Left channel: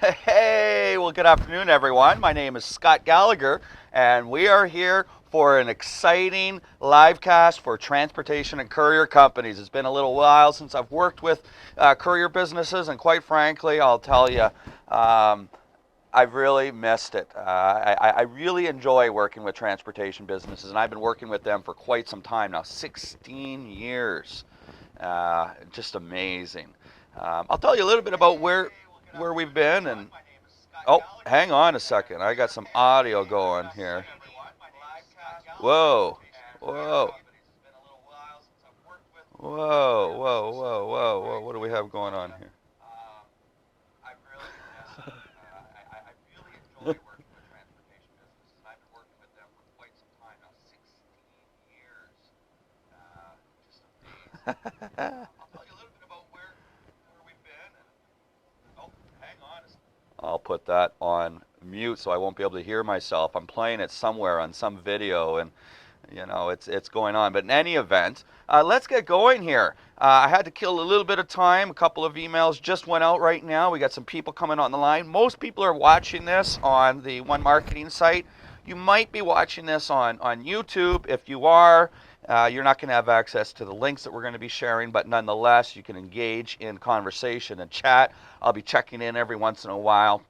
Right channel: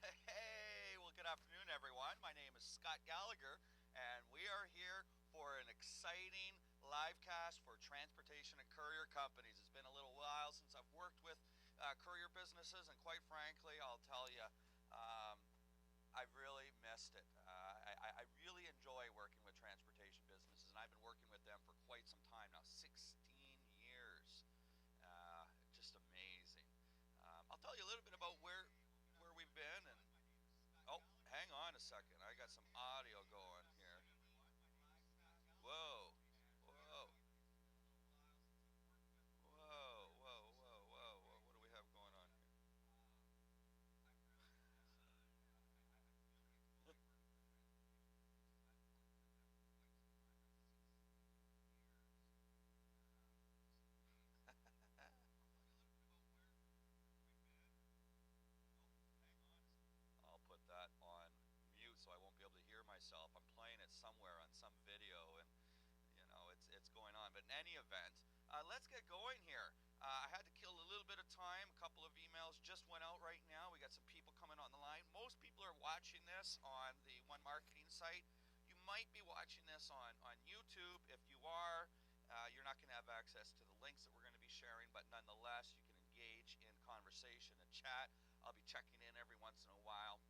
Hey, well, good afternoon, everyone. My name is Scott Gallagher, and we are here for an exciting live cast for transportation and courier companies. It's been a little while since I've worked with courier businesses, and quite frankly, I'll tell you, I've really missed it. I really enjoy working with transportation businesses, and I've been working with them for quite some time now, 16 years. Just amazing. I'll tell you a little bit about where we've been and oh, hang on a second. I got some audio going here. Whoa. Whoa. Whoa. What do we have going on here? I'll put that on mute so I won't be able to hear myself. I'm playing it somewhere on some video, and it's going on. But in any event, let's get going here. I had to kill a little bit of time. A couple of emails just went out right now. We got some people coming on the line. Most people are watching this on the One Marketing site. You might be watching this on YouTube. If you are, you're not going to have access to the links that we're going to be sharing, but nonetheless, you can engage in conversation and chat. I'll be checking in every once in a while.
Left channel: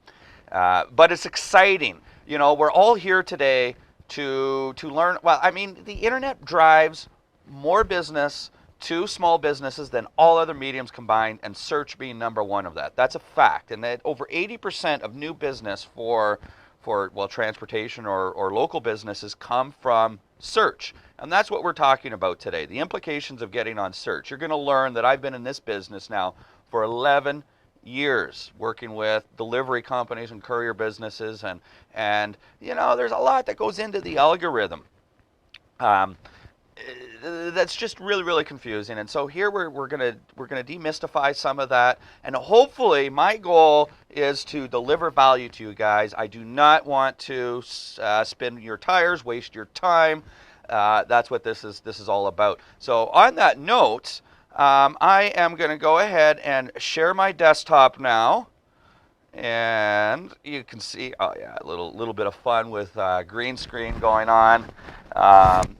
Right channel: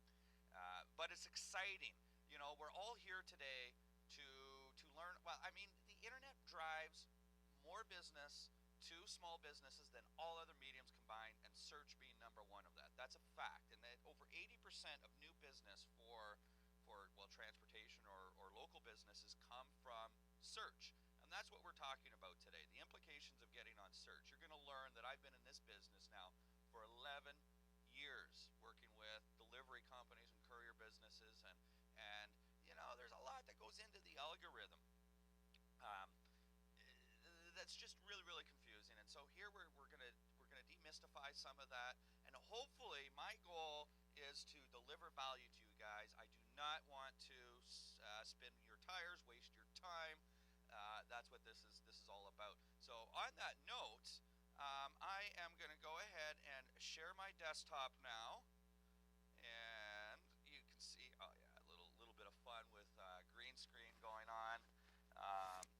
But it's exciting. You know, we're all here today to learn. Well, I mean, the internet drives more business to small businesses than all other mediums combined, and search being number one of that. That's a fact. And that over 80% of new business for transportation or local businesses come from search. And that's what we're talking about today, the implications of getting on search. You're going to learn that I've been in this business now for 11 years, working with delivery companies and courier businesses, and there's a lot that goes into the algorithm. That's just really confusing, and so here we're gonna demystify some of that, and hopefully my goal is to deliver value to you guys. I do not want to spin your tires, waste your time. That's what this is all about. So on that note, I am going to go ahead and share my desktop now, and you can see, oh yeah, a little bit of fun with green screen going on.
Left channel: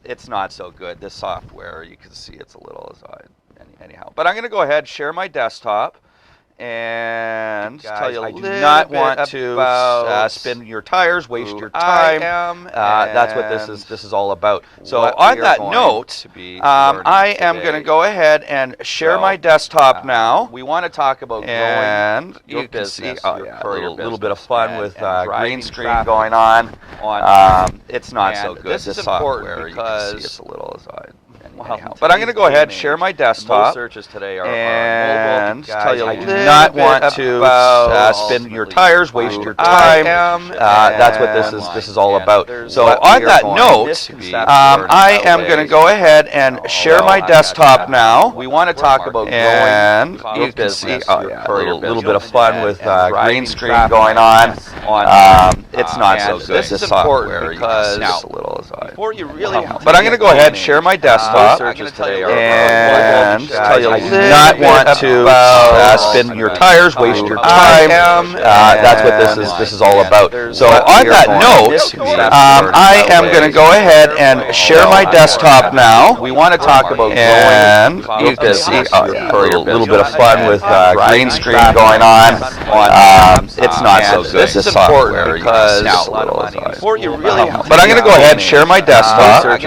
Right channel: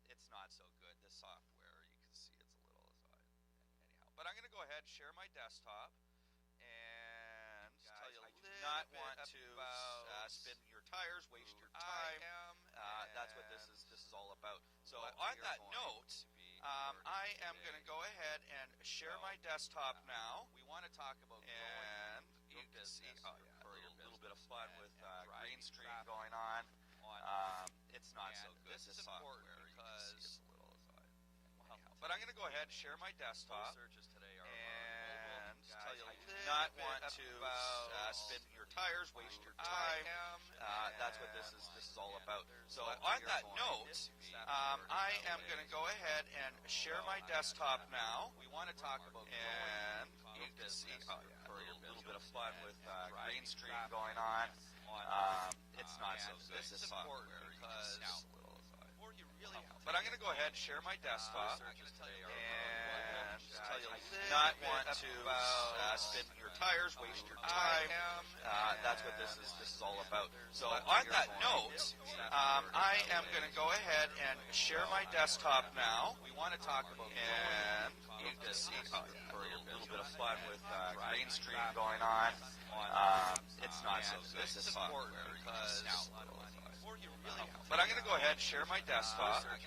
It's not so good, this software. You can see it's a little, anyhow. But I'm going to go ahead and share my desktop and tell you I do not want to spin your tires, waste your time. That's what this is all about. So on that note, I am going to go ahead and share my desktop now. We want to talk about growing your business, a little bit of fun with green screen going on. It's not so good. This is important because you can see it's a little. But I'm going to go ahead and share my desktop searches today and tell you I do not want to spin your tires, waste your time. That's what this is all about. So on that note, I am going to go ahead and share my desktop now. We want to talk about growing your business, a little bit of fun with green screen going on. It's not so good. This is important because before you really. But I'm going to go ahead and share my desktop. Searches today and tell you I do not want to spin your tires, waste your time. That's what this is all about. So on that note, I am going to go ahead and share my desktop now. We want to talk about and you can see a little bit of fun with green screen going on. It's not so good. This is important because before you really. But I'm going to go ahead and share my desktop and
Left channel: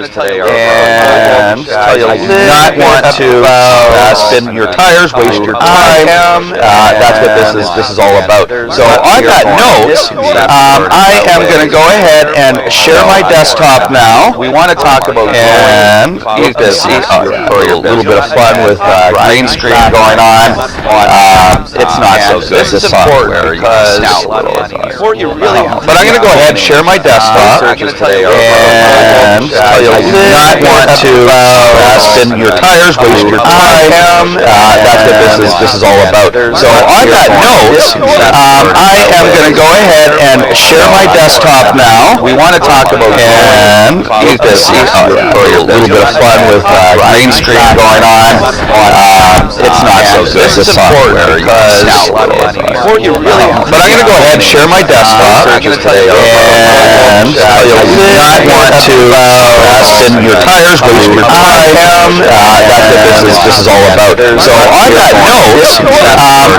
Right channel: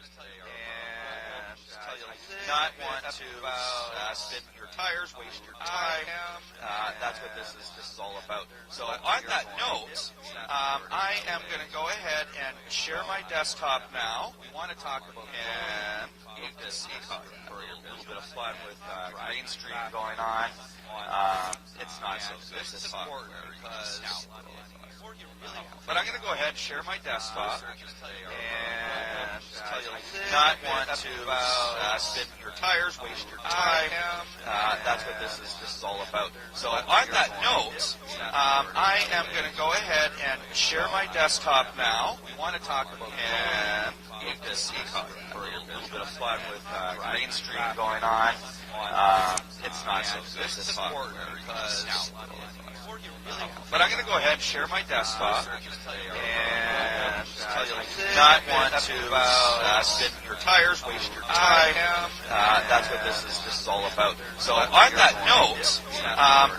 tell you I do not want to spin your tires, waste your time. That's what this is all about. So on that note, I am going to go ahead and share my desktop now. We want to talk about and you can see a little bit of fun with green screen going on. It's not so good. This is important because before you really. But I'm going to go ahead and share my desktop and tell you I do not want to spin your tires, waste your time. That's what this is all about. So on that note, I am going to go ahead and share my desktop now. We want to talk about and you can see a little bit of fun with green screen going on. It's not so this is important because before you really, but I'm going to go ahead and share my desktop, and I do not want to invest in your tires, waste your time. This is all about. So on that note,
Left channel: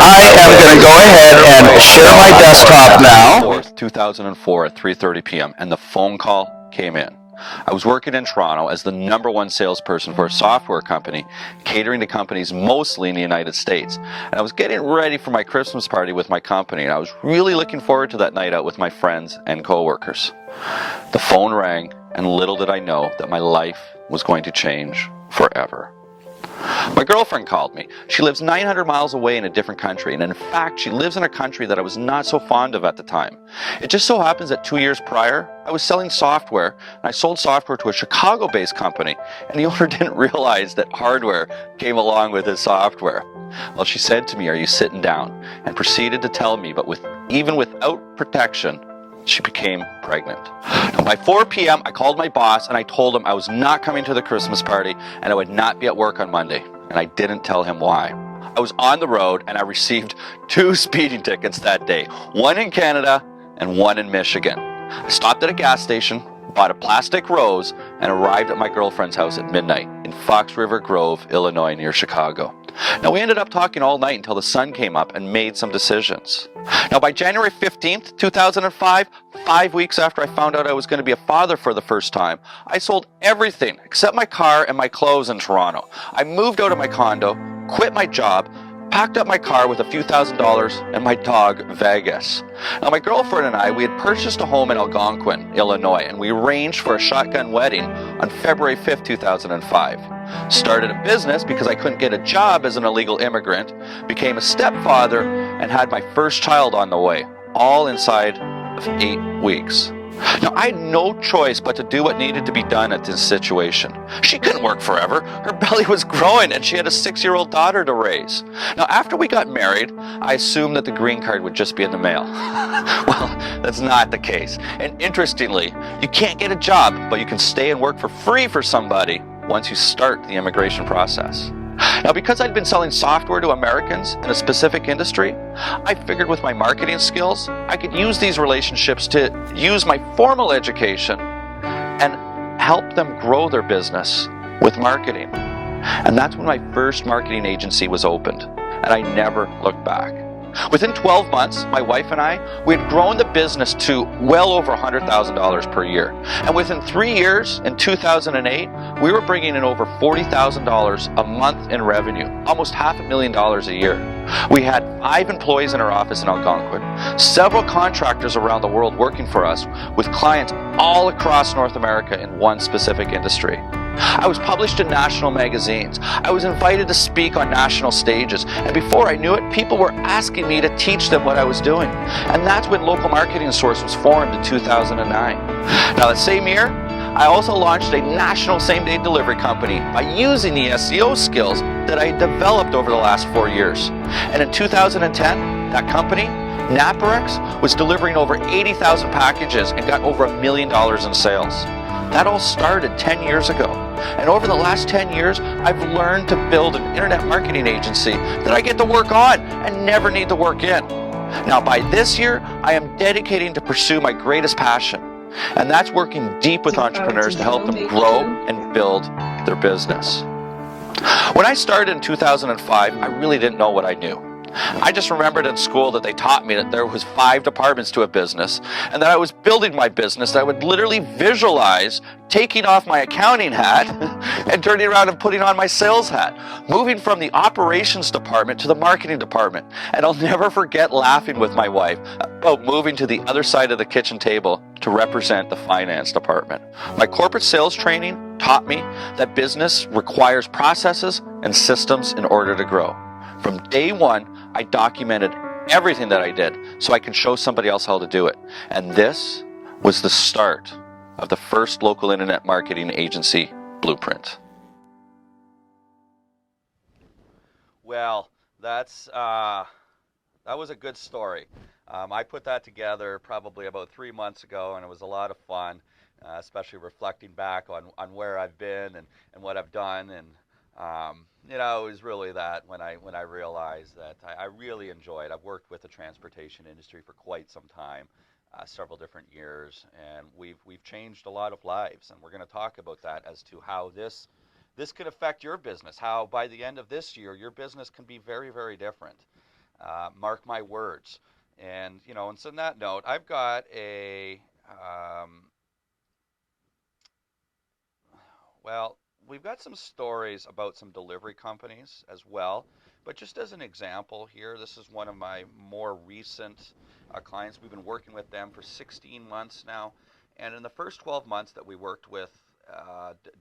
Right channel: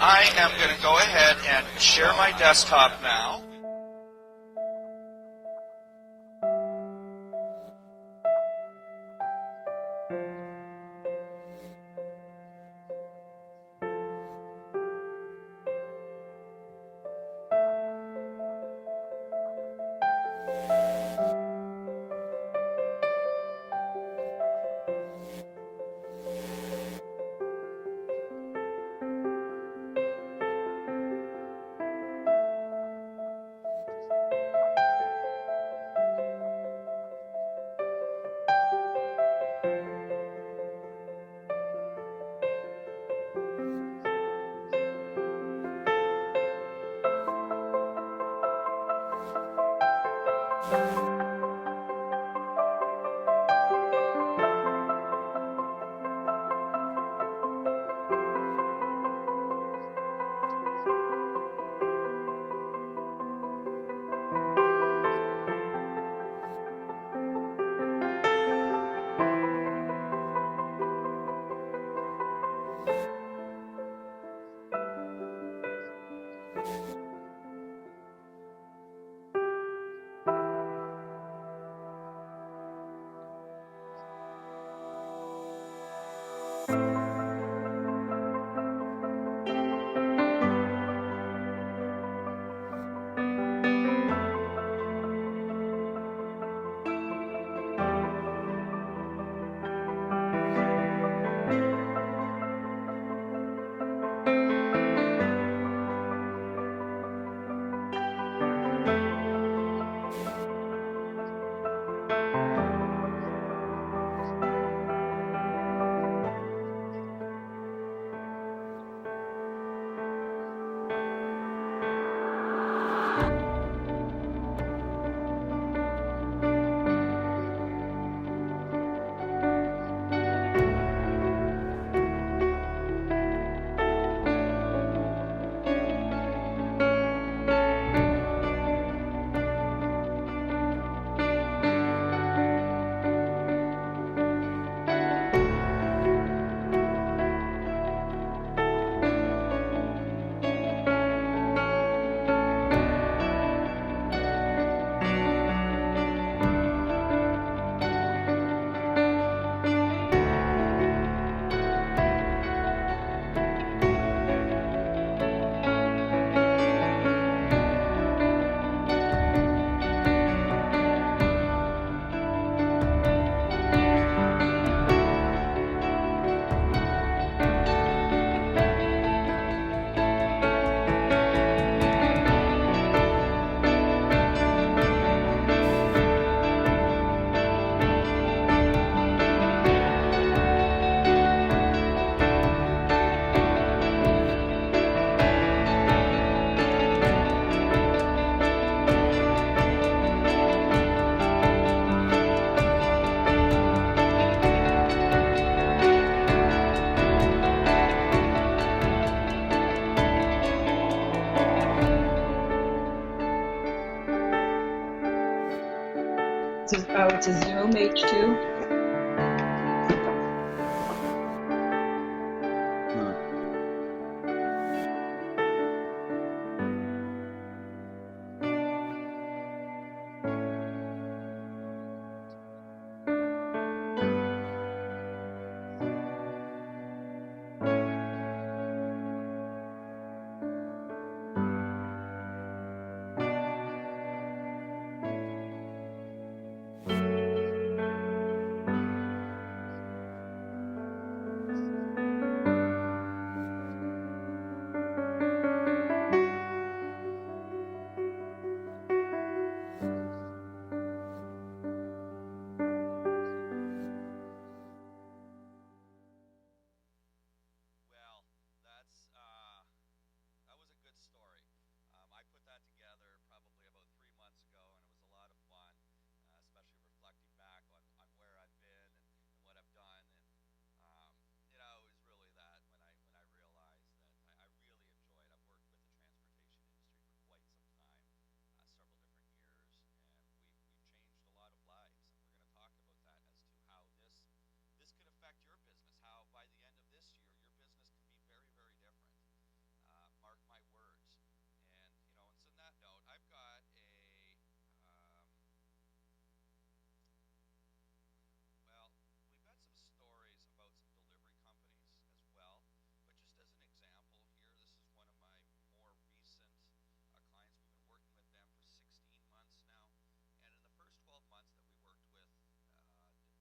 I am going to go ahead and share my desktop now. 2004 at 3:30 p.m. and the phone call came in. I was working in Toronto as the #1 salesperson for a software company, catering to companies mostly in the United States. And I was getting ready for my Christmas party with my company, and I was really looking forward to that night out with my friends and coworkers. The phone rang, and little did I know that my life was going to change forever. My girlfriend called me. She lives 900 miles away in a different country, and in fact, she lives in a country that I was not so fond of at the time. It just so happens that 2 years prior, I was selling software, and I sold software to a Chicago-based company, and the owner didn't realize that hardware came along with his software. Well, she said to me, "Are you sitting down?" and proceeded to tell me, but even without protection, she became pregnant. Now, by 4 p.m., I called my boss and I told him I was not coming to the Christmas party and I would not be at work on Monday. And I didn't tell him why. I was on the road and I received 2 speeding tickets that day, one in Canada and one in Michigan. I stopped at a gas station, bought a plastic rose, and arrived at my girlfriend's house at midnight in Fox River Grove, Illinois, near Chicago. Now, we ended up talking all night until the sun came up and made some decisions. Now, by January 15th, 2005, 5 weeks after I found out I was going to be a father for the first time, I sold everything except my car and my clothes in Toronto. I moved out of my condo, quit my job, packed up my car with a few $1,000s and my dog, Vegas. Now, my girlfriend and I, we had purchased a home in Algonquin, Illinois, and we arranged for a shotgun wedding on February 5th, 2005. Started a business because I couldn't get a job as an illegal immigrant, became a stepfather, and had my first child on the way, all inside of 8 weeks. Now, I had no choice but to do what needed to be done at this situation. She couldn't work forever. Her belly was growing and she had a 6-year-old daughter to raise. Now, after we got married, I assumed that the green card would just be in the mail. Well, that's not the case. And interestingly, you can't get a job, but you can stay and work for free for somebody once you start the immigration process. Now, because I'd been selling software to Americans in a specific industry, I figured with my marketing skills, I could use these relationships to use my formal education and help them grow their business with marketing. And that's when my first marketing agency was opened, and I never looked back. Within 12 months, my wife and I, we had grown the business to well over $100,000 per year. And within 3 years, in 2008, we were bringing in over $40,000 a month in revenue, almost $500,000 a year. We had 5 employees in our office in Algonquin, several contractors around the world working for us, with clients all across North America in one specific industry. I was published in national magazines. I was invited to speak on national stages. And before I knew it, people were asking me to teach them what I was doing. And that's when Local Marketing Source was formed in 2009. Now, that same year, I also launched a national same-day delivery company by using the SEO skills that I had developed over the last 4 years. And in 2010, that company, Naparex, was delivering over 80,000 packages and got over $1 million in sales. That all started 10 years ago. And over the last 10 years, I've learned to build an internet marketing agency that I get to work on and never need to work in. Now, by this year, I am dedicating to pursue my greatest passion. And that's working deep with entrepreneurs to help them grow and build their business. When I started in 2005, I really didn't know what I knew. I just remembered in school that they taught me that there was 5 departments to a business, and that I was building my business. I would literally visualize taking off my accounting hat and turning around and putting on my sales hat, moving from the operations department to the marketing department. And I'll never forget laughing with my wife about moving to the other side of the kitchen table to represent the finance department. My corporate sales training taught me that business requires processes and systems in order to grow. From day one, I documented everything that I did so I can show somebody else how to do it. And this was the start of the first local internet marketing agency blueprint. Well, that was a good story. I put that together probably about 3 months ago, and it was a lot of fun, especially reflecting back on where I've been and what I've done. And You know, it was really that when I realized that I really enjoyed. I've worked with the transportation industry for quite some time, several different years, and we've changed a lot of lives. And we're going to talk about that as to how this could affect your business. How by the end of this year, your business can be very, very different. Mark my words. And you know, and so on that note, I've got a well, we've got some stories about some delivery companies as well. But just as an example here, this is one of my more recent clients. We've been working with them for 16 months now. And in the first 12 months that we worked with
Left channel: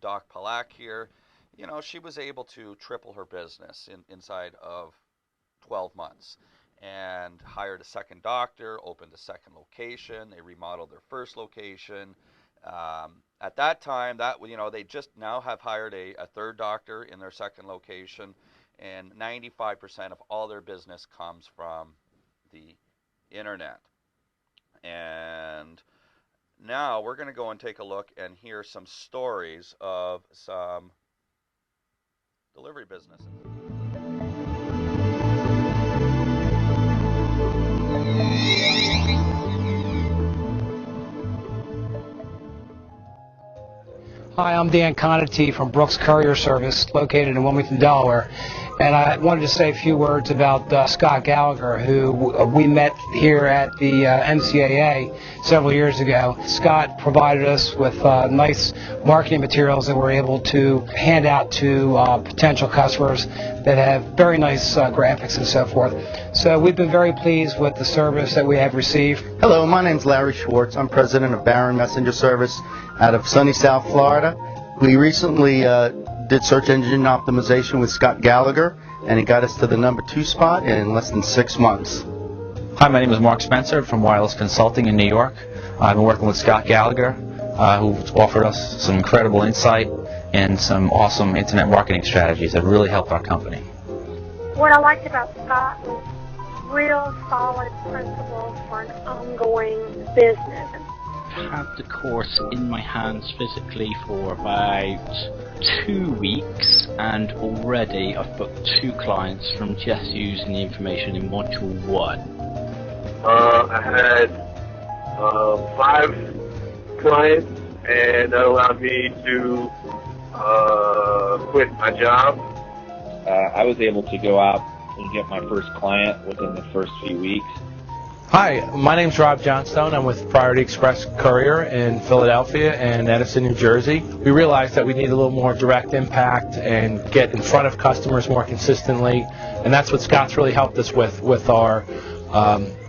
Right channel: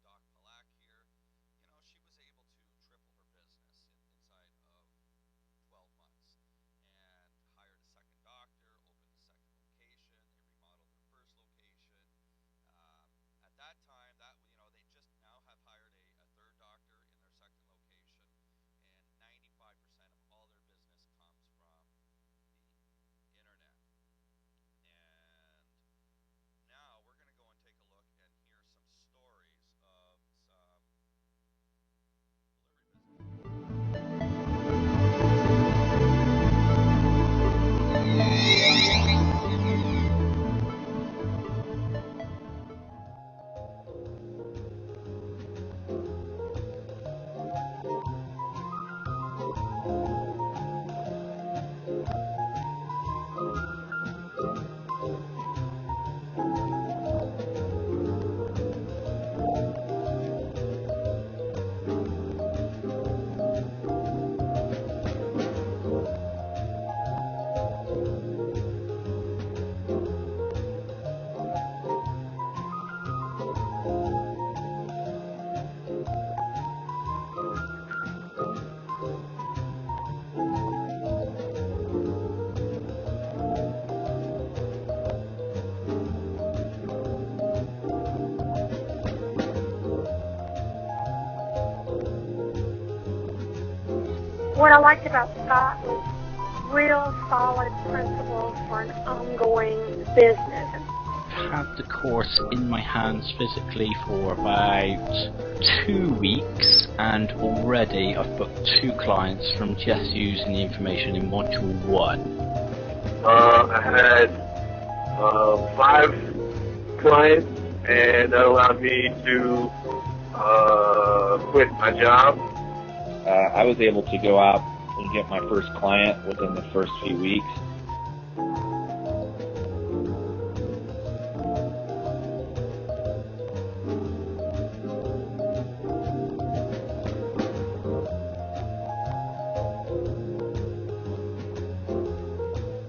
Doc Palak here, you know, she was able to triple her business inside of 12 months and hired a second doctor, opened a second location. They remodeled their first location. At that time, that you know, they just now have hired a third doctor in their second location, and 95% of all their business comes from the internet. And now we're going to go and take a look and hear some stories of some delivery businesses. Hi, I'm Dan Conity from Brooks Courier Service, located in Wilmington, Delaware. And I wanted to say a few words about Scott Gallagher, who we met here at the MCAA several years ago. Scott provided us with nice marketing materials that we're able to hand out to potential customers that have very nice graphics and so forth. So we've been very pleased with the service that we have received. Hello, my name's Larry Schwartz. I'm president of Barron Messenger Service out of sunny South Florida. We recently did search engine optimization with Scott Gallagher, and he got us to the #2 spot in less than 6 months. Hi, my name is Mark Spencer from Wireless Consulting in New York. I've been working with Scott Gallagher, who's offered us some incredible insight and some awesome internet marketing strategies that really helped our company. What I liked about Scott was real solid principles for an ongoing business. Had the course in my hands physically for about 2 weeks, and already I've booked 2 clients from just using the information in module 1. I had 5 clients, and that allowed me to quit my job. I was able to go out and get my first client within the first few weeks. Hi, my name's Rob Johnstone. I'm with Priority Express Courier in Philadelphia and Edison, New Jersey. We realized that we need a little more direct impact and get in front of customers more consistently, and that's what Scott's really helped us with our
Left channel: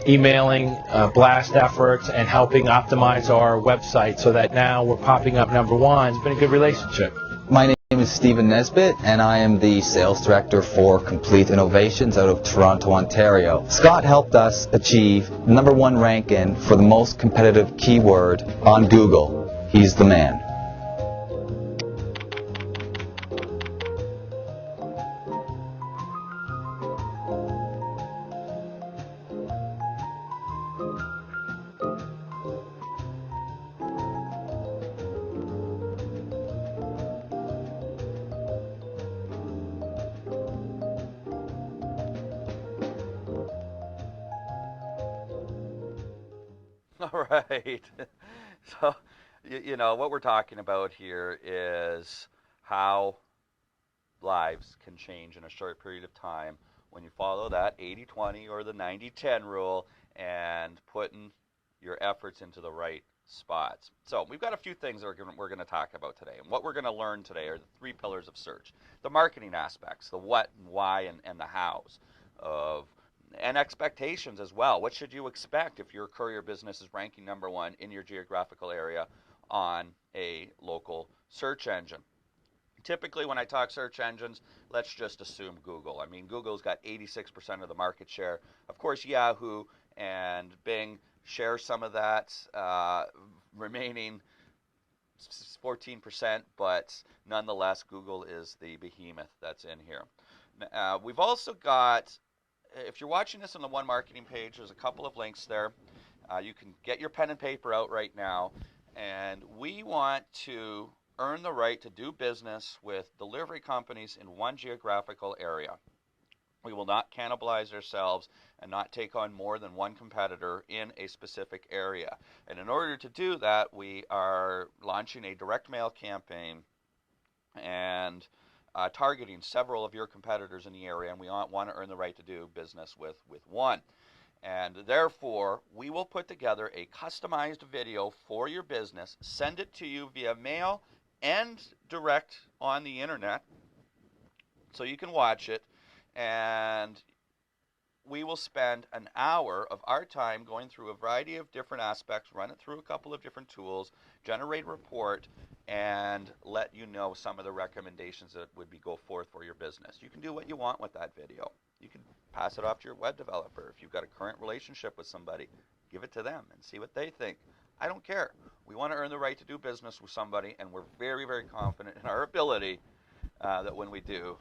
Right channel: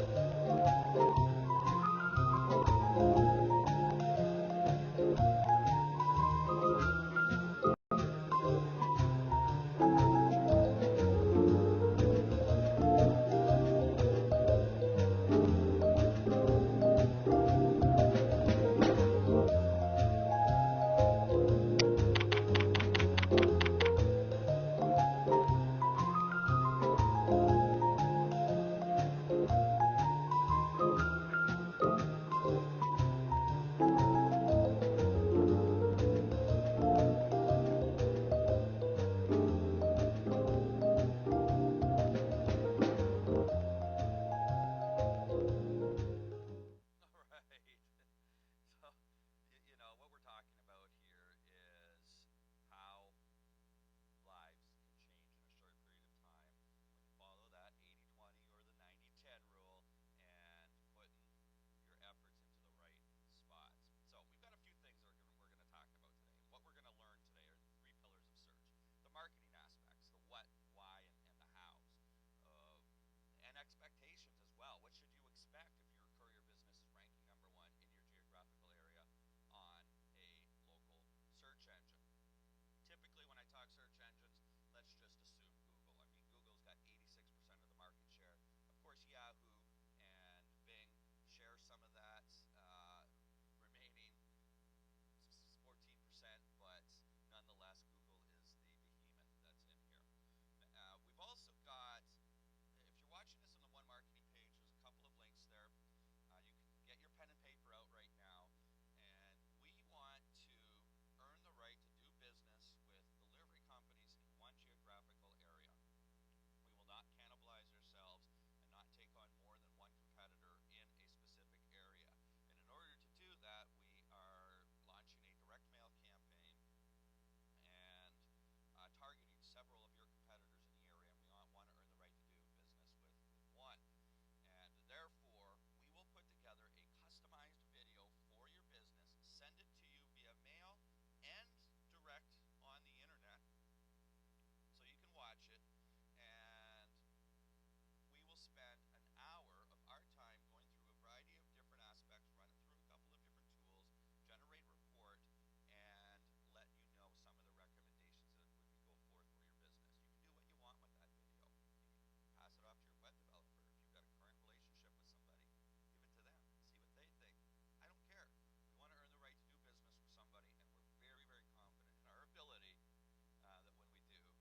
emailing, blast efforts, and helping optimize our website so that now we're popping up #1. It's been a good relationship. My name is Stephen Nesbitt, and I am the sales director for Complete Innovations out of Toronto, Ontario. Scott helped us achieve #1 ranking for the most competitive keyword on Google. He's the man. All right. So, you know, what we're talking about here is how lives can change in a short period of time when you follow that 80-20 or the 90-10 rule and putting your efforts into the right spots. So we've got a few things that we're going to talk about today. And what we're going to learn today are the 3 pillars of search. The marketing aspects, the what and why and the hows of and expectations as well. What should you expect if your courier business is ranking #1 in your geographical area on a local search engine? Typically, when I talk search engines, let's just assume Google. I mean, Google's got 86% of the market share. Of course, Yahoo and Bing share some of that remaining 14%, but nonetheless, Google is the behemoth that's in here. We've also got, if you're watching this on the One Marketing page, there's a couple of links there. You can get your pen and paper out right now, and we want to earn the right to do business with delivery companies in one geographical area. We will not cannibalize ourselves and not take on more than one competitor in a specific area. And in order to do that, we are launching a direct mail campaign and targeting several of your competitors in the area, and we want to earn the right to do business with one. And therefore, we will put together a customized video for your business, send it to you via mail and direct on the internet so you can watch it, and we will spend an hour of our time going through a variety of different aspects, run it through a couple of different tools, generate a report, and let you know some of the recommendations that would go forth for your business. You can do what you want with that video. You can pass it off to your web developer. If you've got a current relationship with somebody, give it to them and see what they think. I don't care. We want to earn the right to do business with somebody, and we're very, very confident in our ability that when we do,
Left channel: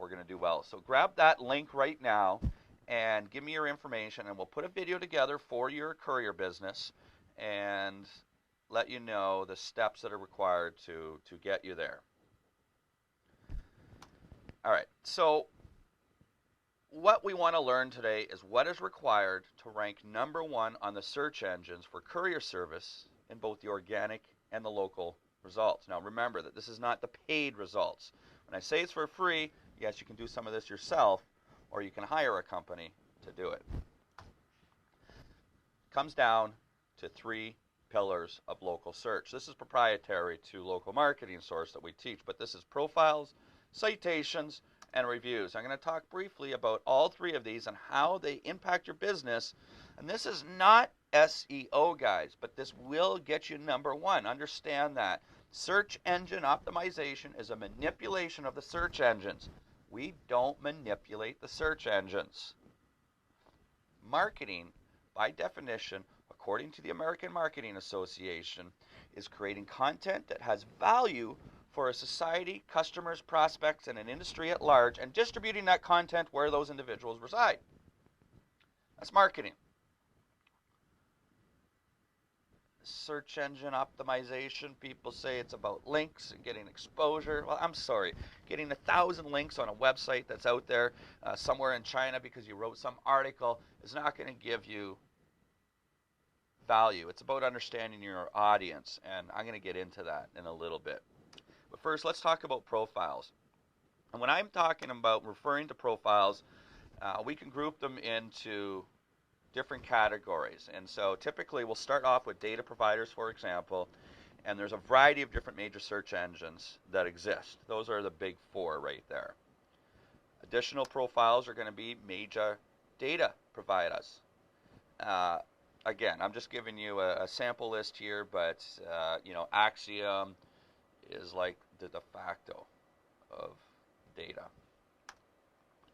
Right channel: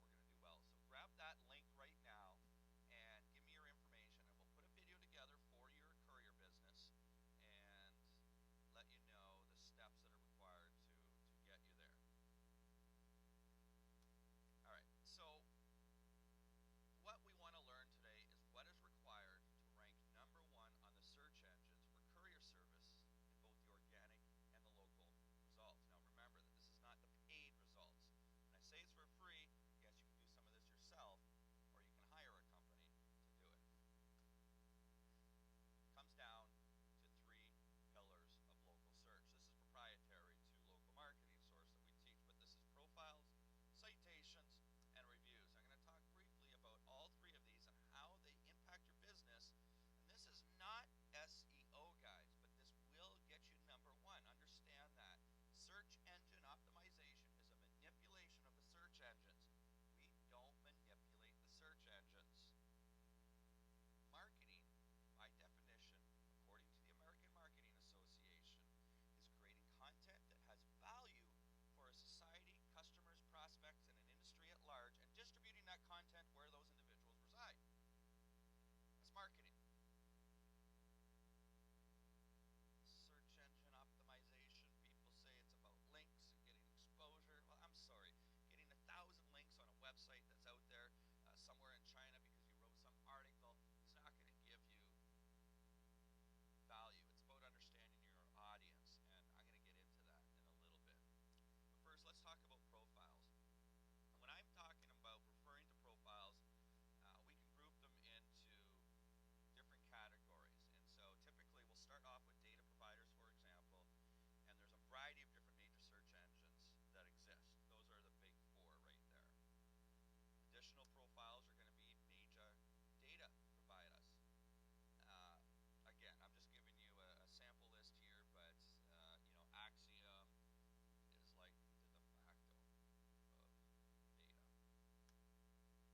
we're going to do well. So grab that link right now and give me your information, and we'll put a video together for your courier business and let you know the steps that are required to get you there. All right, so what we want to learn today is what is required to rank #1 on the search engines for courier service in both the organic and the local results. Now remember that this is not the paid results. When I say it's for free, yes, you can do some of this yourself, or you can hire a company to do it. It comes down to 3 pillars of local search. This is proprietary to Local Marketing Source that we teach, but this is profiles, citations, and reviews. I'm going to talk briefly about all 3 of these and how they impact your business. And this is not SEO, guys, but this will get you #1. Understand that. Search engine optimization is a manipulation of the search engines. We don't manipulate the search engines. Marketing, by definition, according to the American Marketing Association, is creating content that has value for a society, customers, prospects, and an industry at large, and distributing that content where those individuals reside. That's marketing. Search engine optimization, people say it's about links and getting exposure. Well, I'm sorry. Getting 1,000 links on a website that's out there somewhere in China because you wrote some article is not going to give you value. It's about understanding your audience, and I'm going to get into that in a little bit. But first, let's talk about profiles. And when I'm talking about referring to profiles, we can group them into different categories. And so typically we'll start off with data providers, for example, and there's a variety of different major search engines that exist. Those are the big 4 right there. Additional profiles are going to be major data providers. Again, I'm just giving you a sample list here, but Axiom is like the de facto of data.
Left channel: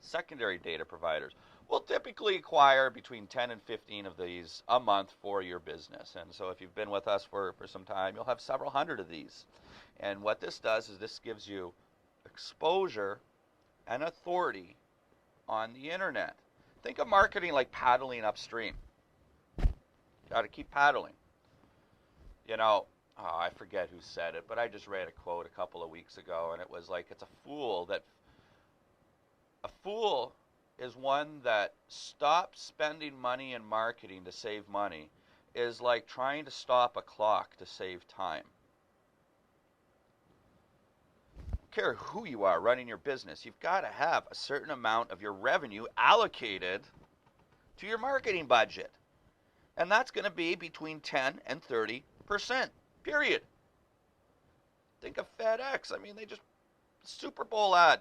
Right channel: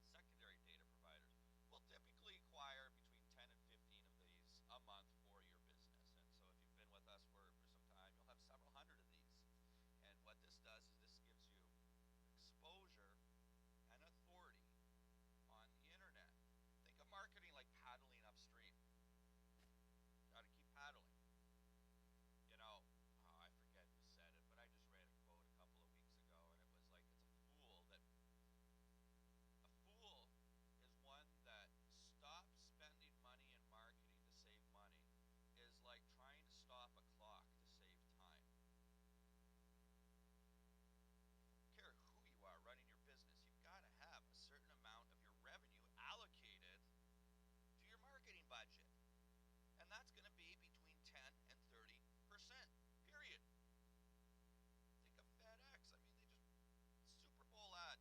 Secondary data providers will typically acquire between 10 and 15 of these a month for your business. And so if you've been with us for some time, you'll have several hundred of these. And what this does is this gives you exposure and authority on the internet. Think of marketing like paddling upstream. Got to keep paddling. I forget who said it, but I just read a quote a couple of weeks ago, and it was like, a fool is one that stops spending money in marketing to save money, is like trying to stop a clock to save time. I don't care who you are running your business, you've got to have a certain amount of your revenue allocated to your marketing budget. And that's going to be between 10 and 30%, period. Think of FedEx. I mean, they just, Super Bowl ad,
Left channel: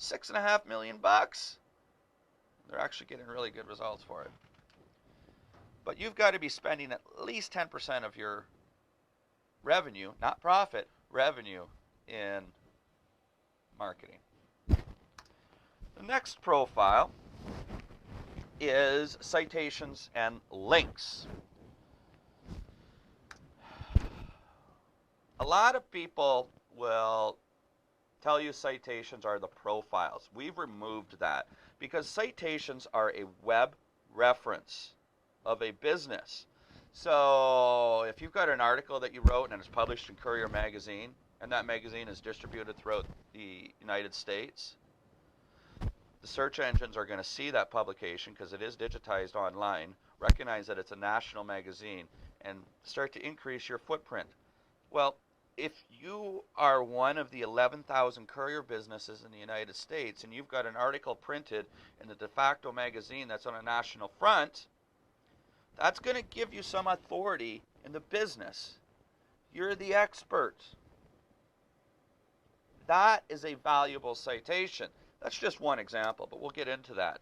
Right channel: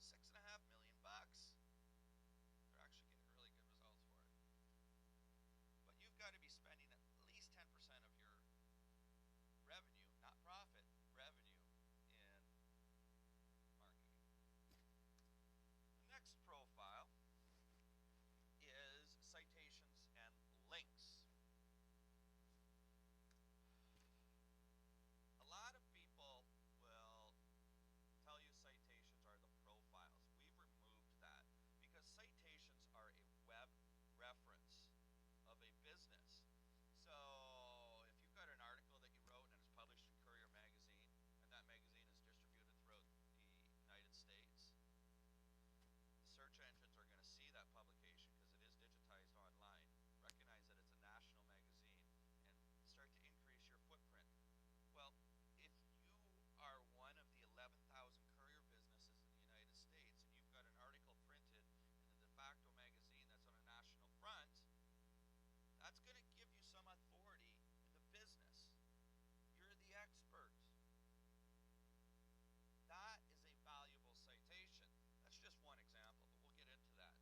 $6.5 million. They're actually getting really good results for it. But you've got to be spending at least 10% of your revenue, not profit, revenue in marketing. The next profile is citations and links. A lot of people will tell you citations are the profiles. We've removed that because citations are a web reference of a business. So if you've got an article that you wrote and it's published in Courier Magazine, and that magazine is distributed throughout the United States, the search engines are going to see that publication because it is digitized online, recognize that it's a national magazine, and start to increase your footprint. Well, if you are one of the 11,000 courier businesses in the United States and you've got an article printed in the de facto magazine that's on a national front, that's going to give you some authority in the business. You're the expert. That is a valuable citation. That's just one example, but we'll get into that.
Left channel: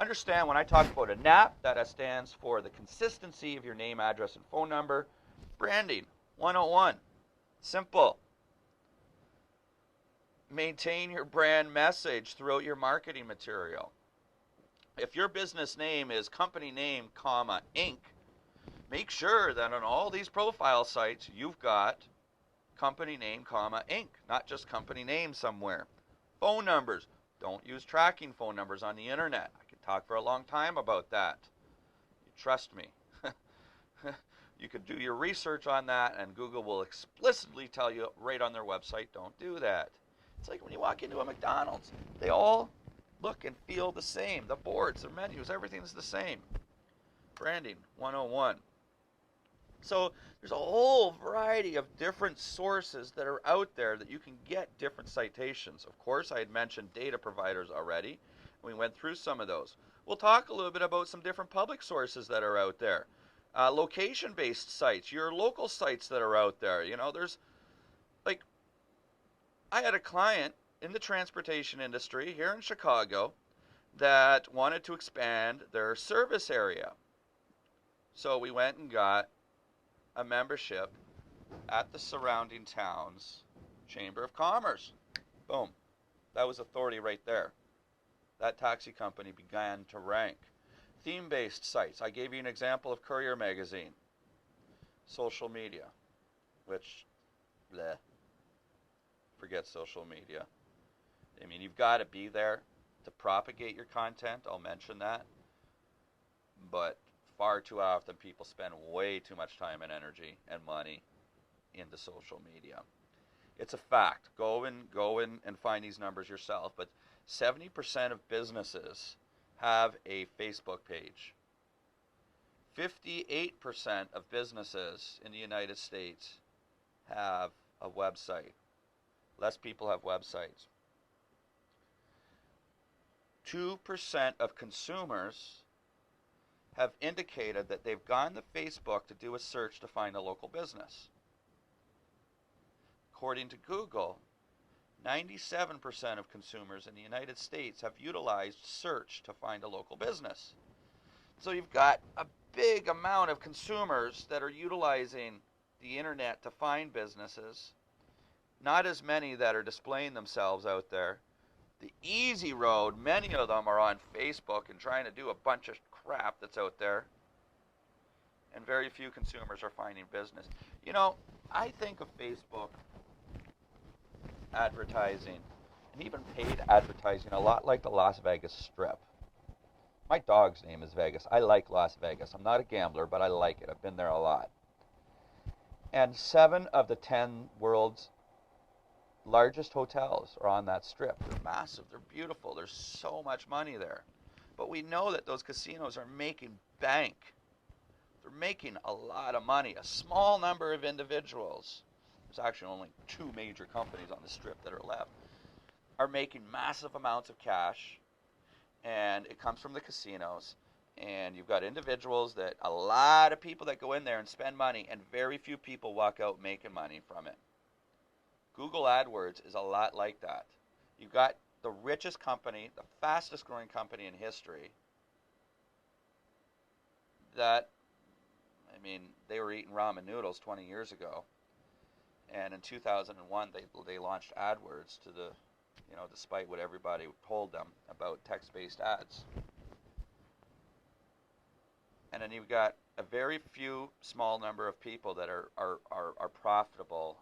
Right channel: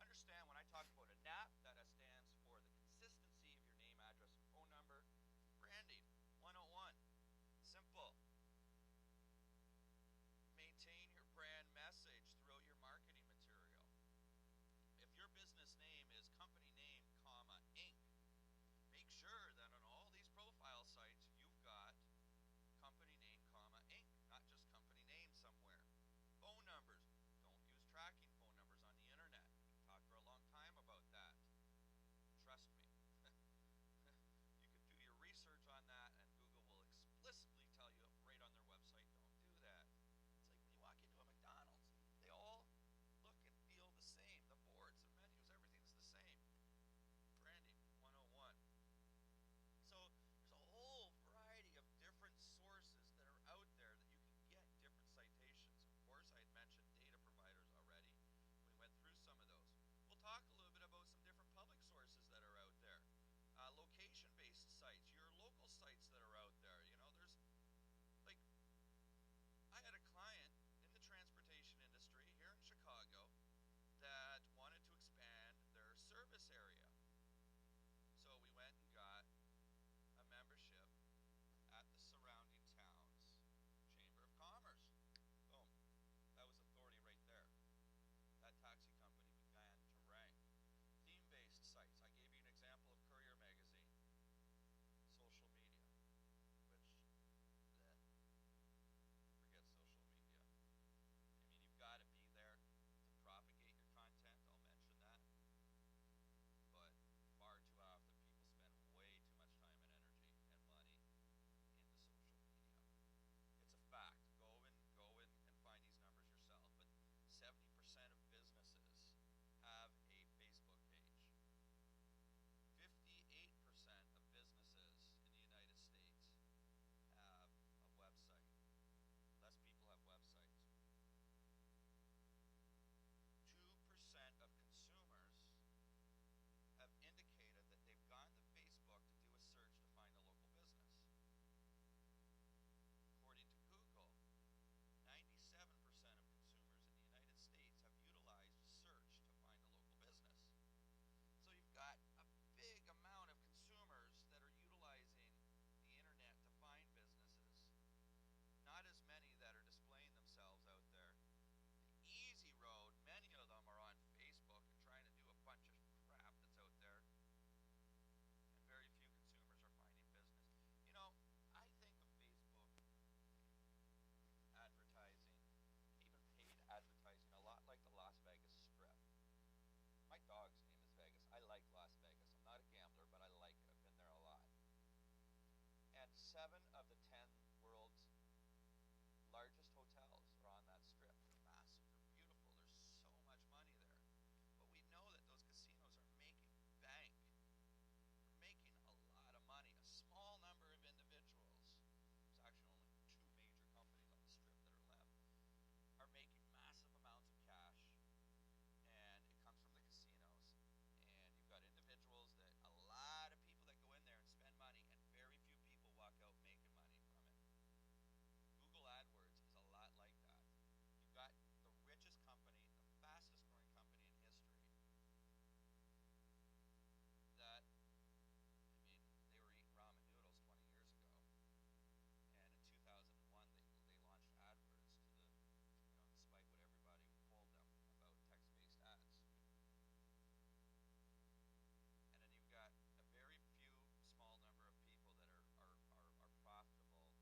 Understand when I talk about a NAP, that stands for the consistency of your name, address, and phone number. Branding 101. Simple. Maintain your brand message throughout your marketing material. If your business name is company name, comma, Inc., make sure that on all these profile sites you've got company name, comma, Inc., not just company name somewhere. Phone numbers. Don't use tracking phone numbers on the internet. I could talk for a long time about that. You trust me. You could do your research on that, and Google will explicitly tell you right on their website, don't do that. It's like when you walk into a McDonald's. They all look and feel the same. The boards, their menus, everything's the same. Branding 101. So there's a whole variety of different sources that are out there that you can get different citations. Of course, I had mentioned data providers already. We went through some of those. We'll talk a little bit about some different public sources that are out there. Location-based sites, your local sites that are out there. You know, there's, like, I had a client in the transportation industry here in Chicago that wanted to expand their service area. So we went and got a membership at the surrounding towns Chamber of Commerce. Boom. That was authority right there. That taxi company began to rank. Theme-based sites. I gave you an example of Courier Magazine. Social media, which, bleh, forget social media. I mean, you've got to be there to propagate your content. I'll mention that. But far too often people spend way too much time and energy and money into social media. It's a fact. Go and find these numbers yourself. But 70% of businesses have a Facebook page. 58% of businesses in the United States have a website. Less people have websites. 2% of consumers have indicated that they've gone to Facebook to do a search to find a local business. According to Google, 97% of consumers in the United States have utilized search to find a local business. So you've got a big amount of consumers that are utilizing the internet to find businesses. Not as many that are displaying themselves out there. The easy road, many of them are on Facebook and trying to do a bunch of crap that's out there. And very few consumers are finding business. You know, I think of Facebook advertising and even paid advertising a lot like the Las Vegas Strip. My dog's name is Vegas. I like Las Vegas. I'm not a gambler, but I like it. I've been there a lot. And 7 of the 10 world's largest hotels are on that strip. They're massive. They're beautiful. There's so much money there. But we know that those casinos are making bank. They're making a lot of money. A small number of individuals, there's actually only 2 major companies on the strip that are left, are making massive amounts of cash. And it comes from the casinos. And you've got individuals that, a lot of people that go in there and spend money, and very few people walk out making money from it. Google AdWords is a lot like that. You've got the richest company, the fastest growing company in history, that, I mean, they were eating ramen noodles 20 years ago. And in 2001, they launched AdWords to the, you know, despite what everybody told them about text-based ads. And then you've got a very few small number of people that are profitable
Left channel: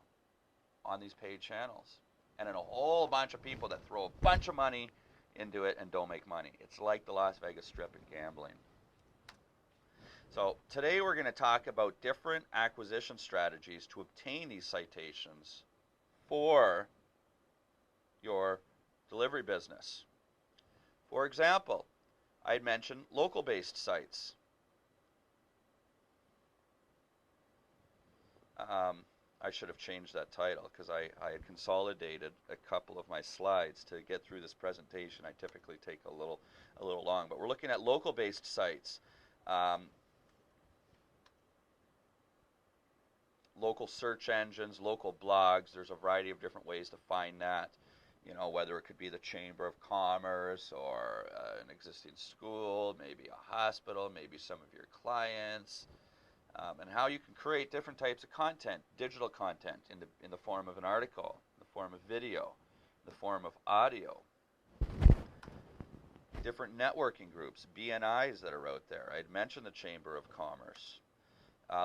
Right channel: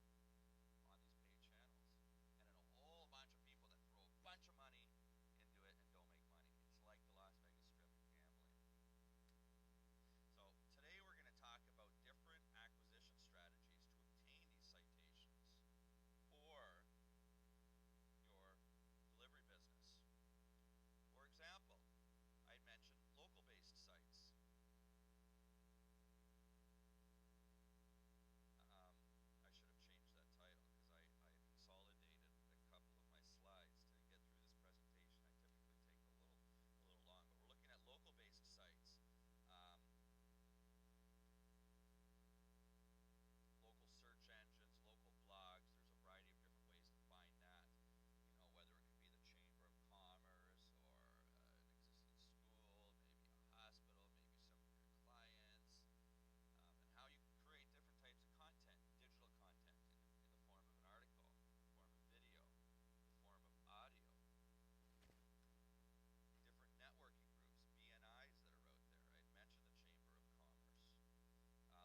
on these paid channels. And then a whole bunch of people that throw a bunch of money into it and don't make money. It's like the Las Vegas Strip and gambling. So today we're going to talk about different acquisition strategies to obtain these citations for your delivery business. For example, I'd mentioned local-based sites. I should have changed that title because I had consolidated a couple of my slides to get through this presentation. I typically take a little long, but we're looking at local-based sites. Local search engines, local blogs. There's a variety of different ways to find that. You know, whether it could be the Chamber of Commerce or an existing school, maybe a hospital, maybe some of your clients, and how you can create different types of content, digital content in the form of an article, in the form of video, in the form of audio. Different networking groups, BNIs that are out there. I'd mentioned the Chamber of Commerce.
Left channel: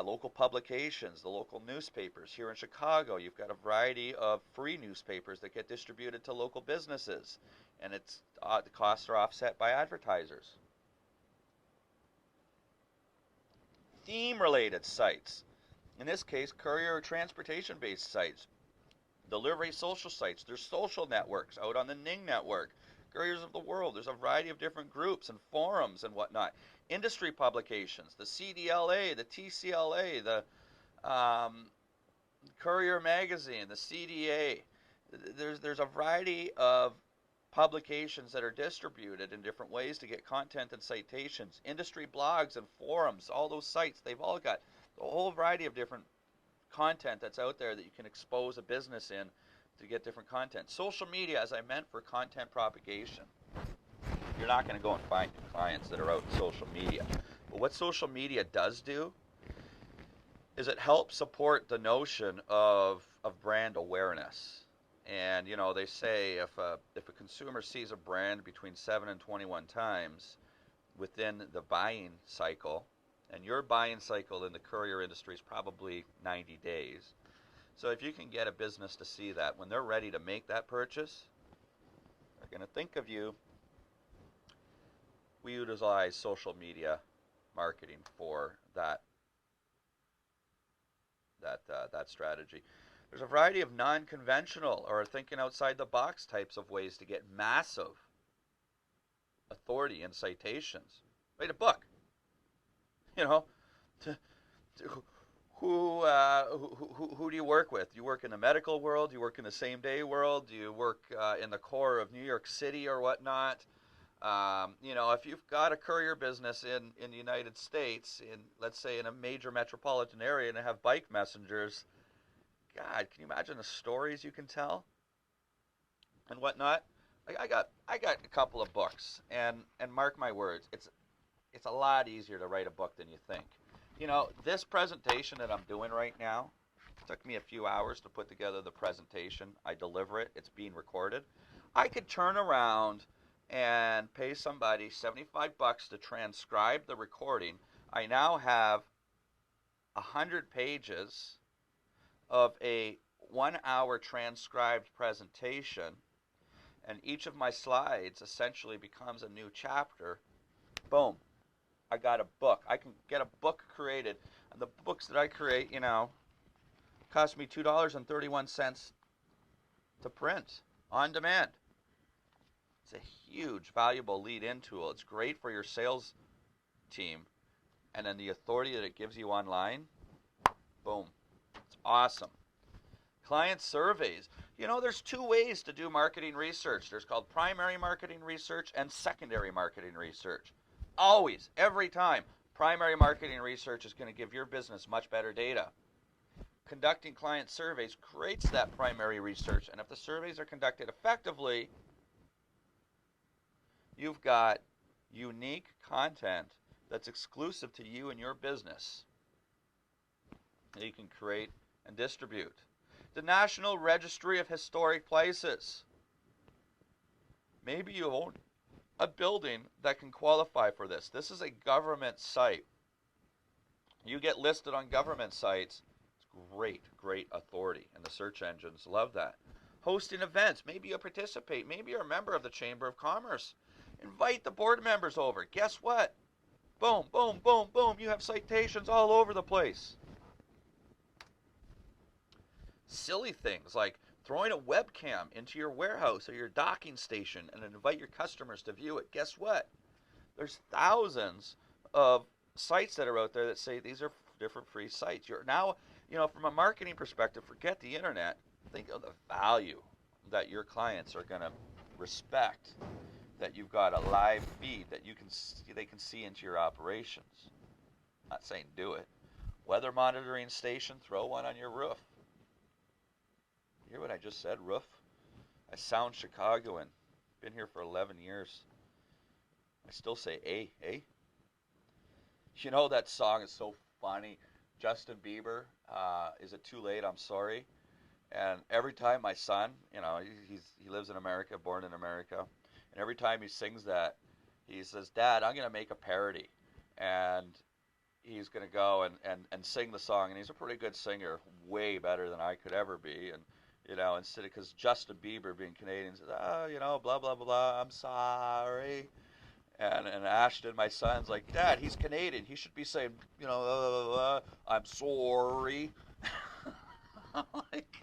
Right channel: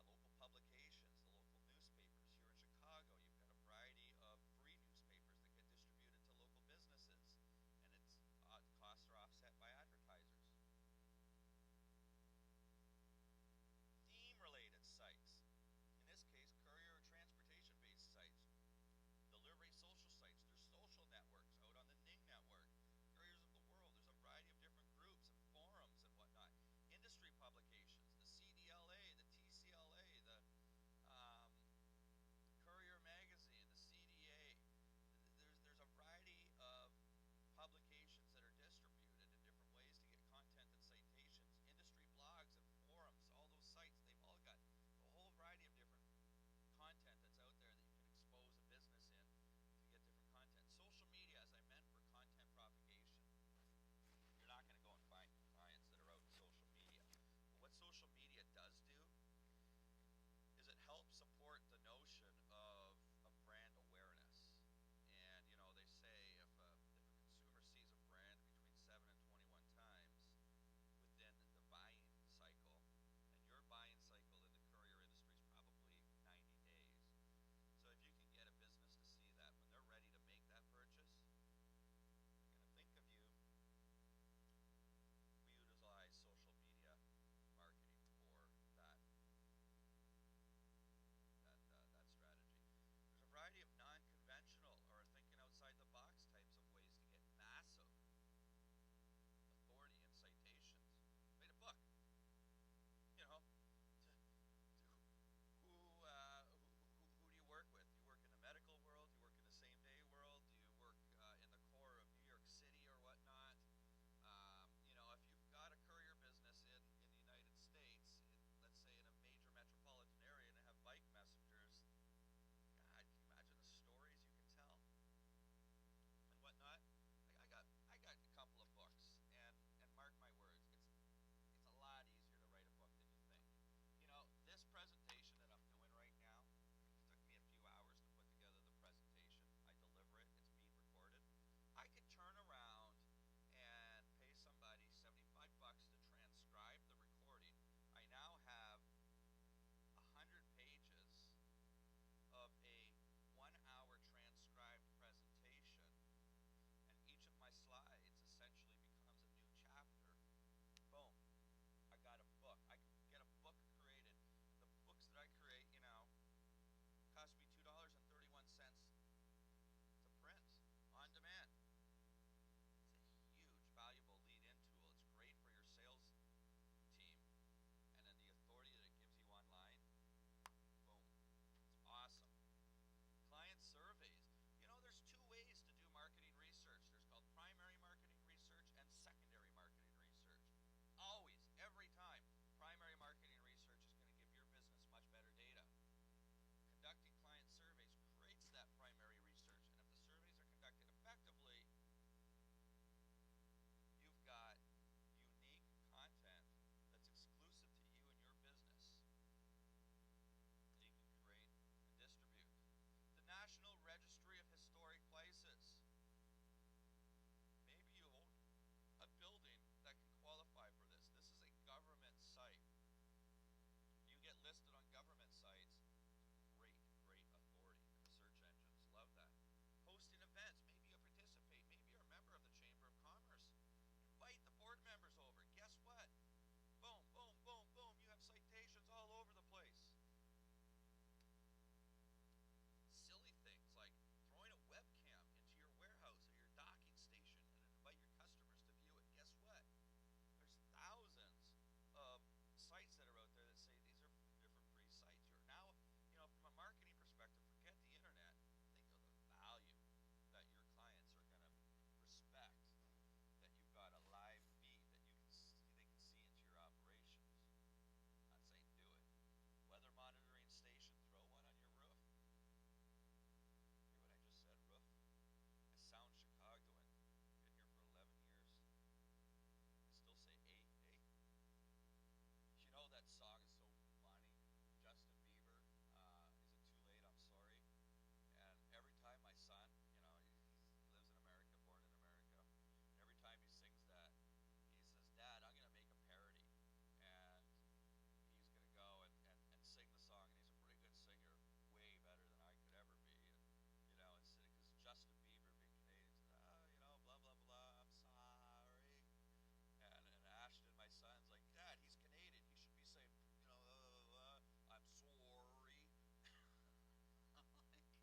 Local publications, the local newspapers. Here in Chicago, you've got a variety of free newspapers that get distributed to local businesses, and the costs are offset by advertisers. Theme-related sites. In this case, courier or transportation-based sites. Delivery social sites. There's social networks out on the Ning network. Couriers of the World. There's a variety of different groups and forums and whatnot. Industry publications, the CDLA, the TCLA, the Courier Magazine, the CDA. There's a variety of publications that are distributed in different ways to get content and citations. Industry blogs and forums, all those sites, they've all got a whole variety of different content that's out there that you can expose a business in to get different content. Social media, as I meant, for content propagation. You're not going to go and find clients that are out in social media. But what social media does do is it helps support the notion of brand awareness. And, you know, they say if a consumer sees a brand between 7 and 21 times within the buying cycle, and your buying cycle in the courier industry is probably 90 days. So if you can get a business to see that when they're ready to make that purchase, they're going to think of you. We utilize social media marketing for that strategy. There's a variety of non-conventional or thinking outside the box types of ways to get massive authority and citations. Write a book. You know, who do you work with? Do you work in the medical world? Do you work in the same-day world? Do you work in the core of New York City or whatnot? You know, if you've got a courier business in the United States, let's say in a major metropolitan area, and have bike messengers, God, can you imagine the stories you can tell and whatnot? I got a couple of books, and mark my words, it's a lot easier to write a book than you think. You know, this presentation that I'm doing right now, it took me a few hours to put together the presentation. I deliver it. It's being recorded. I could turn around and pay somebody $75 to transcribe the recording. I now have 100 pages of a 1-hour transcribed presentation, and each of my slides essentially becomes a new chapter. Boom. I got a book. I can get a book created. And the books that I create, you know, cost me $2.31 to print on demand. It's a huge, valuable lead-in tool. It's great for your sales team. And then the authority that it gives you online, boom. It's awesome. Client surveys. You know, there's two ways to do marketing research. There's called primary marketing research and secondary marketing research. Always, every time, primary marketing research is going to give your business much better data. Conducting client surveys creates that primary research, and if the surveys are conducted effectively, you've got unique content that's exclusive to you and your business that you can create and distribute. The National Registry of Historic Places. Maybe you own a building that can qualify for this. This is a government site. You get listed on government sites. It's great authority, and the search engines love that. Hosting events. Maybe you participate. Maybe you're a member of the Chamber of Commerce. Invite the board members over. Guess what? Boom, boom, boom, boom. You have citations all over the place. Silly things like throwing a webcam into your warehouse or your docking station and invite your customers to view it. Guess what? There's thousands of sites that are out there that say these are different free sites. You're now, from a marketing perspective, forget the internet. Think of the value that your clients are going to respect, that you've got a live feed that they can see into your operations. I'm not saying do it. Weather monitoring station, throw one on your roof. You hear what I just said, roof? I sound Chicagoan. Been here for 11 years. I still say eh? You know that song is so funny. Justin Bieber, Is It Too Late? I'm Sorry. And every time my son, he lives in America, born in America, and every time he sings that, he says, Dad, I'm going to make a parody. And he's going to go and sing the song. And he's a pretty good singer, way better than I could ever be. And, instead of, because Justin Bieber being Canadian says, blah, blah, blah, I'm sorry. And Ashton, my son's like, Dad, he's Canadian. He should be saying, I'm sorry. I'm like,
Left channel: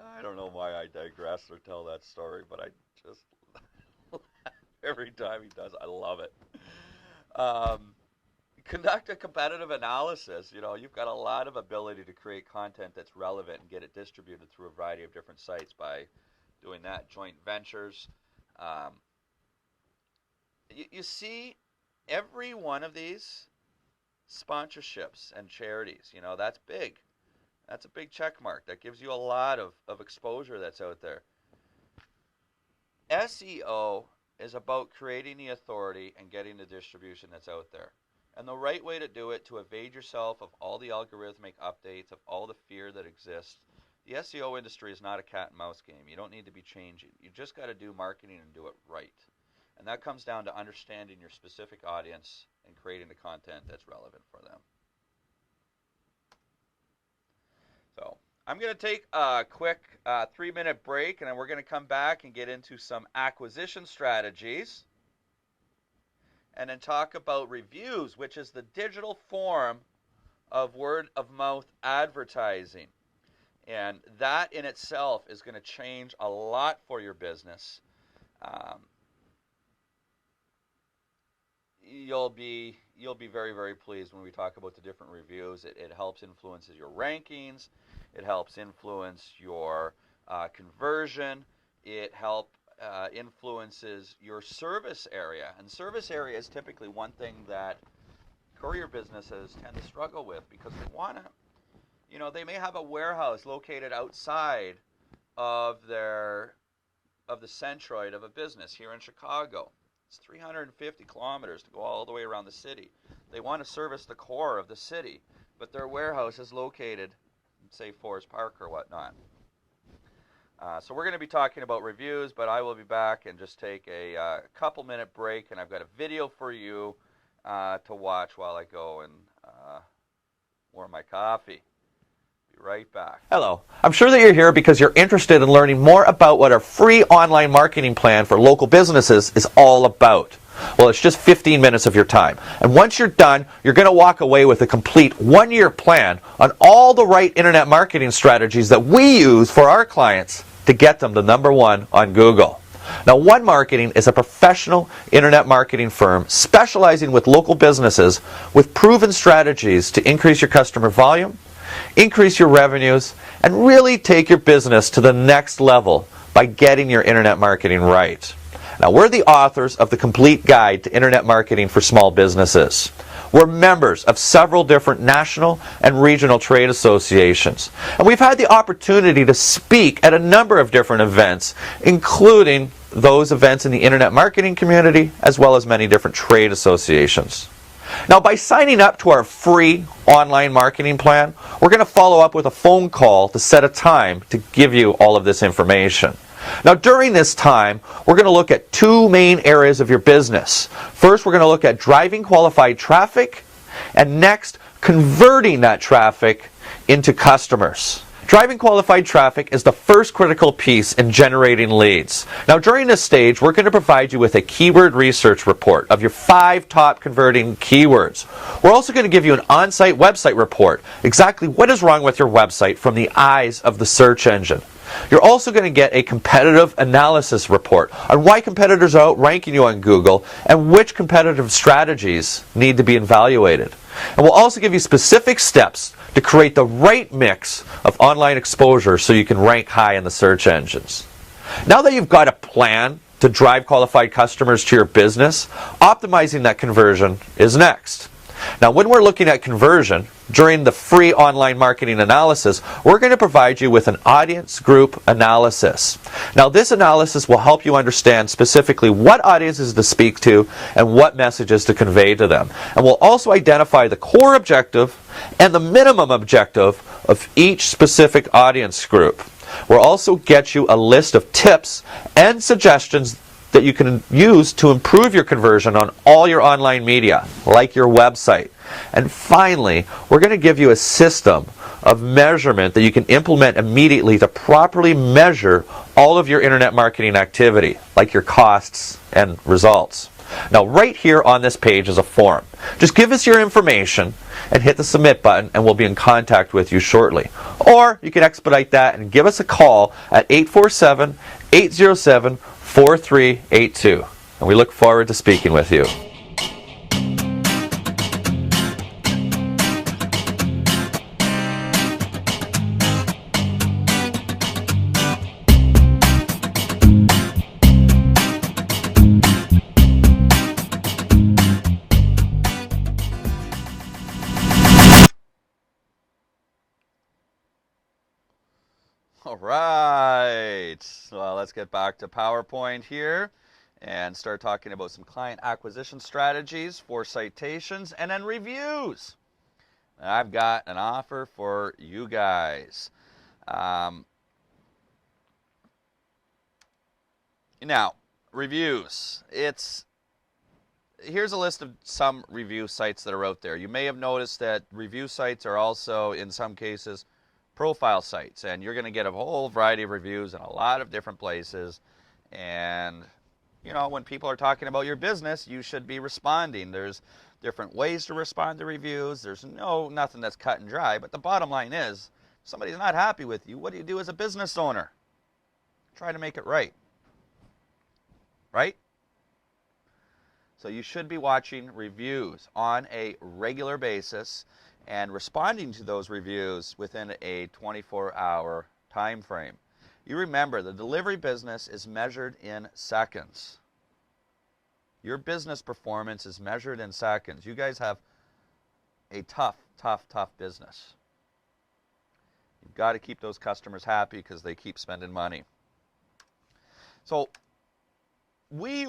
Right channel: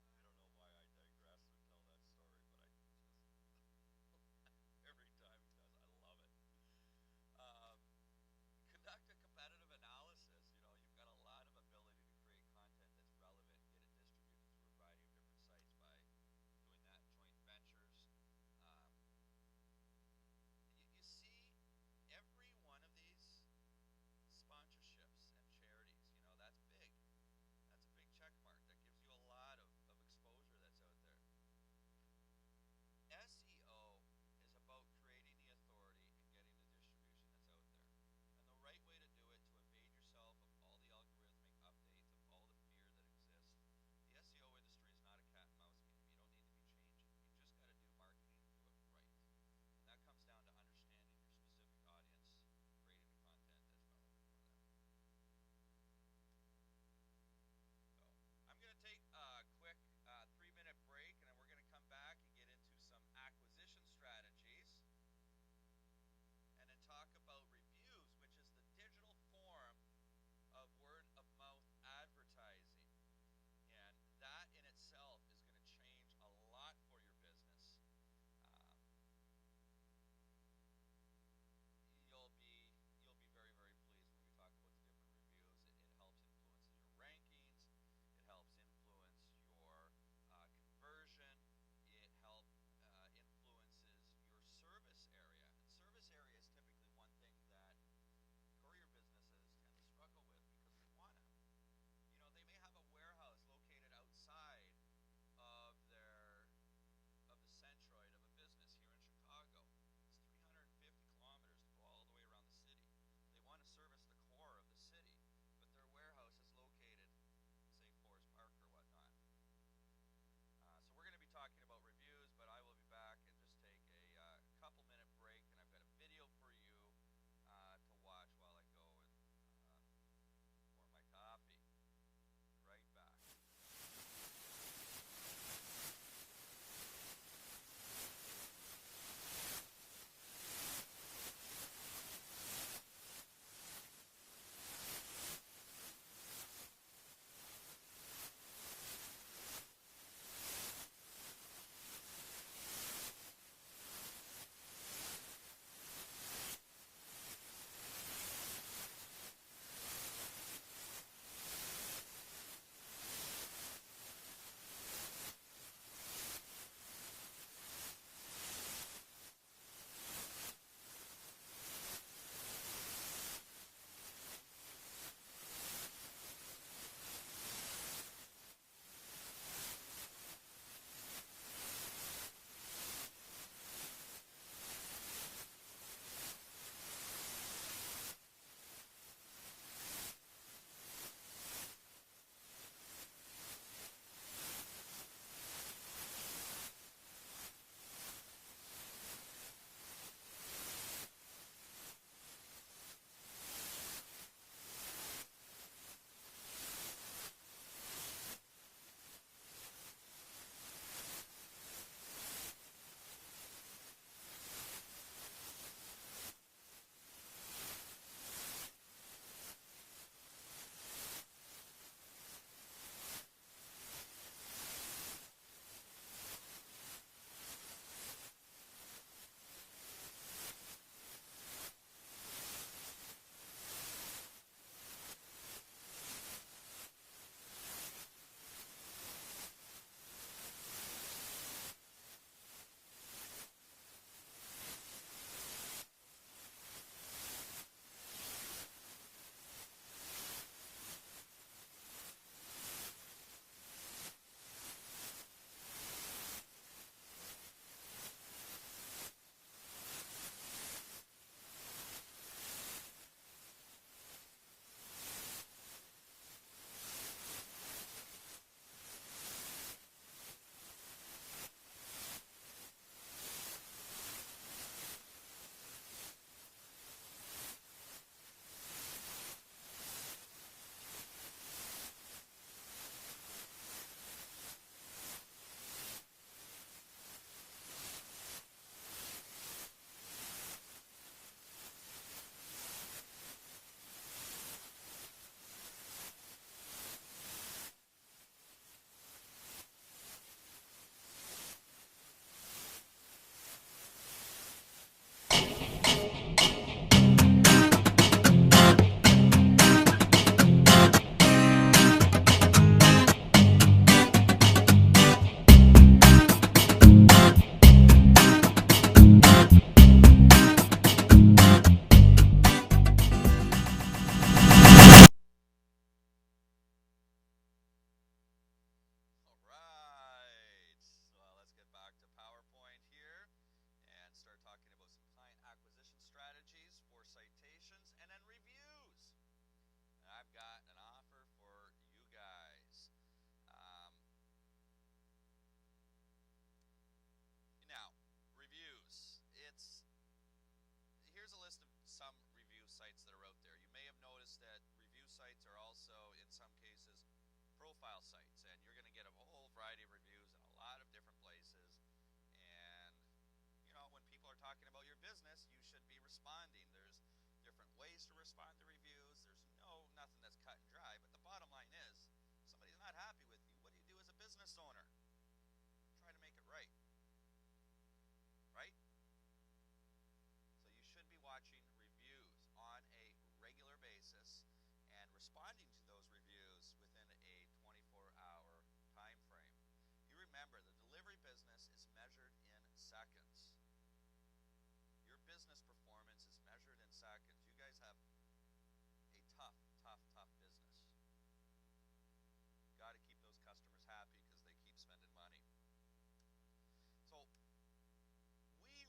I don't know why I digress or tell that story, but I just every time he does, I love it. Conduct a competitive analysis. You've got a lot of ability to create content that's relevant and get it distributed through a variety of different sites by doing that. Joint ventures. You see, every one of these sponsorships and charities, that's big. That's a big check mark. That gives you a lot of exposure that's out there. SEO is about creating the authority and getting the distribution that's out there. And the right way to do it, to evade yourself of all the algorithmic updates, of all the fear that exists. The SEO industry is not a cat and mouse game. You don't need to be changing. You just got to do marketing and do it right. And that comes down to understanding your specific audience and creating the content that's relevant for them. So I'm going to take a quick 3-minute break, and then we're going to come back and get into some acquisition strategies, and then talk about reviews, which is the digital form of word-of-mouth advertising. And that in itself is going to change a lot for your business. You'll be very, very pleased when we talk about the different reviews. It helps influences your rankings. It helps influence your conversion. It influences your service area. And service area is typically one thing that courier businesses tend to struggle with, because they want to, they may have a warehouse located outside of the centroid of a business here in Chicago. It's 350 kilometers to go all the way around the city. They want to service the core of the city, but their warehouse is located, say, Forest Park or whatnot. So we're going to be talking about reviews, but I will be back and just take a couple-minute break, and I've got a video for you to watch while I go and warm my coffee. Be right back. Hello. I'm sure that you're here because you're interested in learning more about what our free online marketing plan for local businesses is all about. Well, it's just 15 minutes of your time. And once you're done, you're going to walk away with a complete 1-year plan on all the right internet marketing strategies that we use for our clients to get them to #1 on Google. Now, One Marketing is a professional internet marketing firm specializing with local businesses with proven strategies to increase your customer volume, increase your revenues, and really take your business to the next level by getting your internet marketing right. Now, we're the authors of the Complete Guide to Internet Marketing for Small Businesses. We're members of several different national and regional trade associations. And we've had the opportunity to speak at a number of different events, including those events in the internet marketing community, as well as many different trade associations. Now, by signing up to our free online marketing plan, we're going to follow up with a phone call to set a time to give you all of this information. Now, during this time, we're going to look at 2 main areas of your business. First, we're going to look at driving qualified traffic, and next, converting that traffic into customers. Driving qualified traffic is the first critical piece in generating leads. Now, during this stage, we're going to provide you with a keyword research report of your 5 top converting keywords. We're also going to give you an on-site website report, exactly what is wrong with your website from the eyes of the search engine. You're also going to get a competitive analysis report on why competitors are outranking you on Google and which competitive strategies need to be evaluated. And we'll also give you specific steps to create the right mix of online exposure so you can rank high in the search engines. Now that you've got a plan to drive qualified customers to your business, optimizing that conversion is next. Now, when we're looking at conversion, during the free online marketing analysis, we're going to provide you with an audience group analysis. Now, this analysis will help you understand specifically what audiences to speak to and what messages to convey to them. And we'll also identify the core objective and the minimum objective of each specific audience group. We'll also get you a list of tips and suggestions that you can use to improve your conversion on all your online media, like your website. And finally, we're going to give you a system of measurement that you can implement immediately to properly measure all of your internet marketing activity, like your costs and results. Now, right here on this page is a form. Just give us your information and hit the submit button, and we'll be in contact with you shortly. Or you can expedite that and give us a call at 847-807-4382. And we look forward to speaking with you. All right, well, let's get back to PowerPoint here and start talking about some client acquisition strategies for citations and then reviews. I've got an offer for you guys. Now, reviews. Here's a list of some review sites that are out there. You may have noticed that review sites are also, in some cases, profile sites, and you're going to get a whole variety of reviews in a lot of different places. And you know, when people are talking about your business, you should be responding. There's different ways to respond to reviews. There's nothing that's cut and dry, but the bottom line is, if somebody's not happy with you, what do you do as a business owner? Try to make it right. Right? So you should be watching reviews on a regular basis and responding to those reviews within a 24-hour time frame. You remember, the delivery business is measured in seconds. Your business performance is measured in seconds. You guys have a tough business. You've got to keep those customers happy because they keep spending money. So we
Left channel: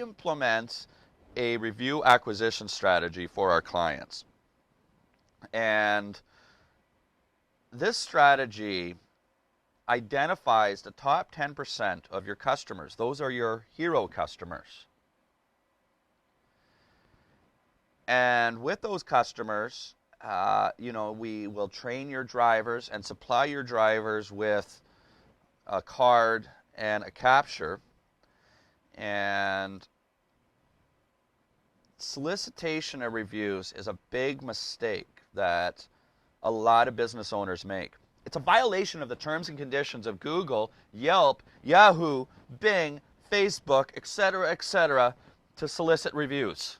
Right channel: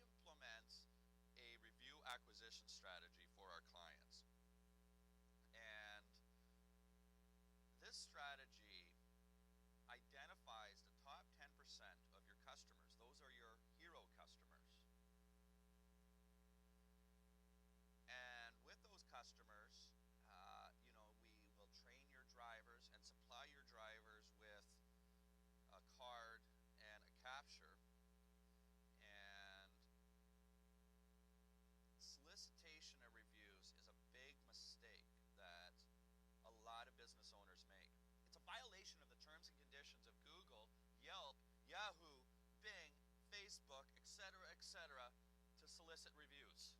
implement a review acquisition strategy for our clients. And this strategy identifies the top 10% of your customers. Those are your hero customers. And with those customers, we will train your drivers and supply your drivers with a card and a capture. And solicitation of reviews is a big mistake that a lot of business owners make. It's a violation of the terms and conditions of Google, Yelp, Yahoo, Bing, Facebook, etc., to solicit reviews.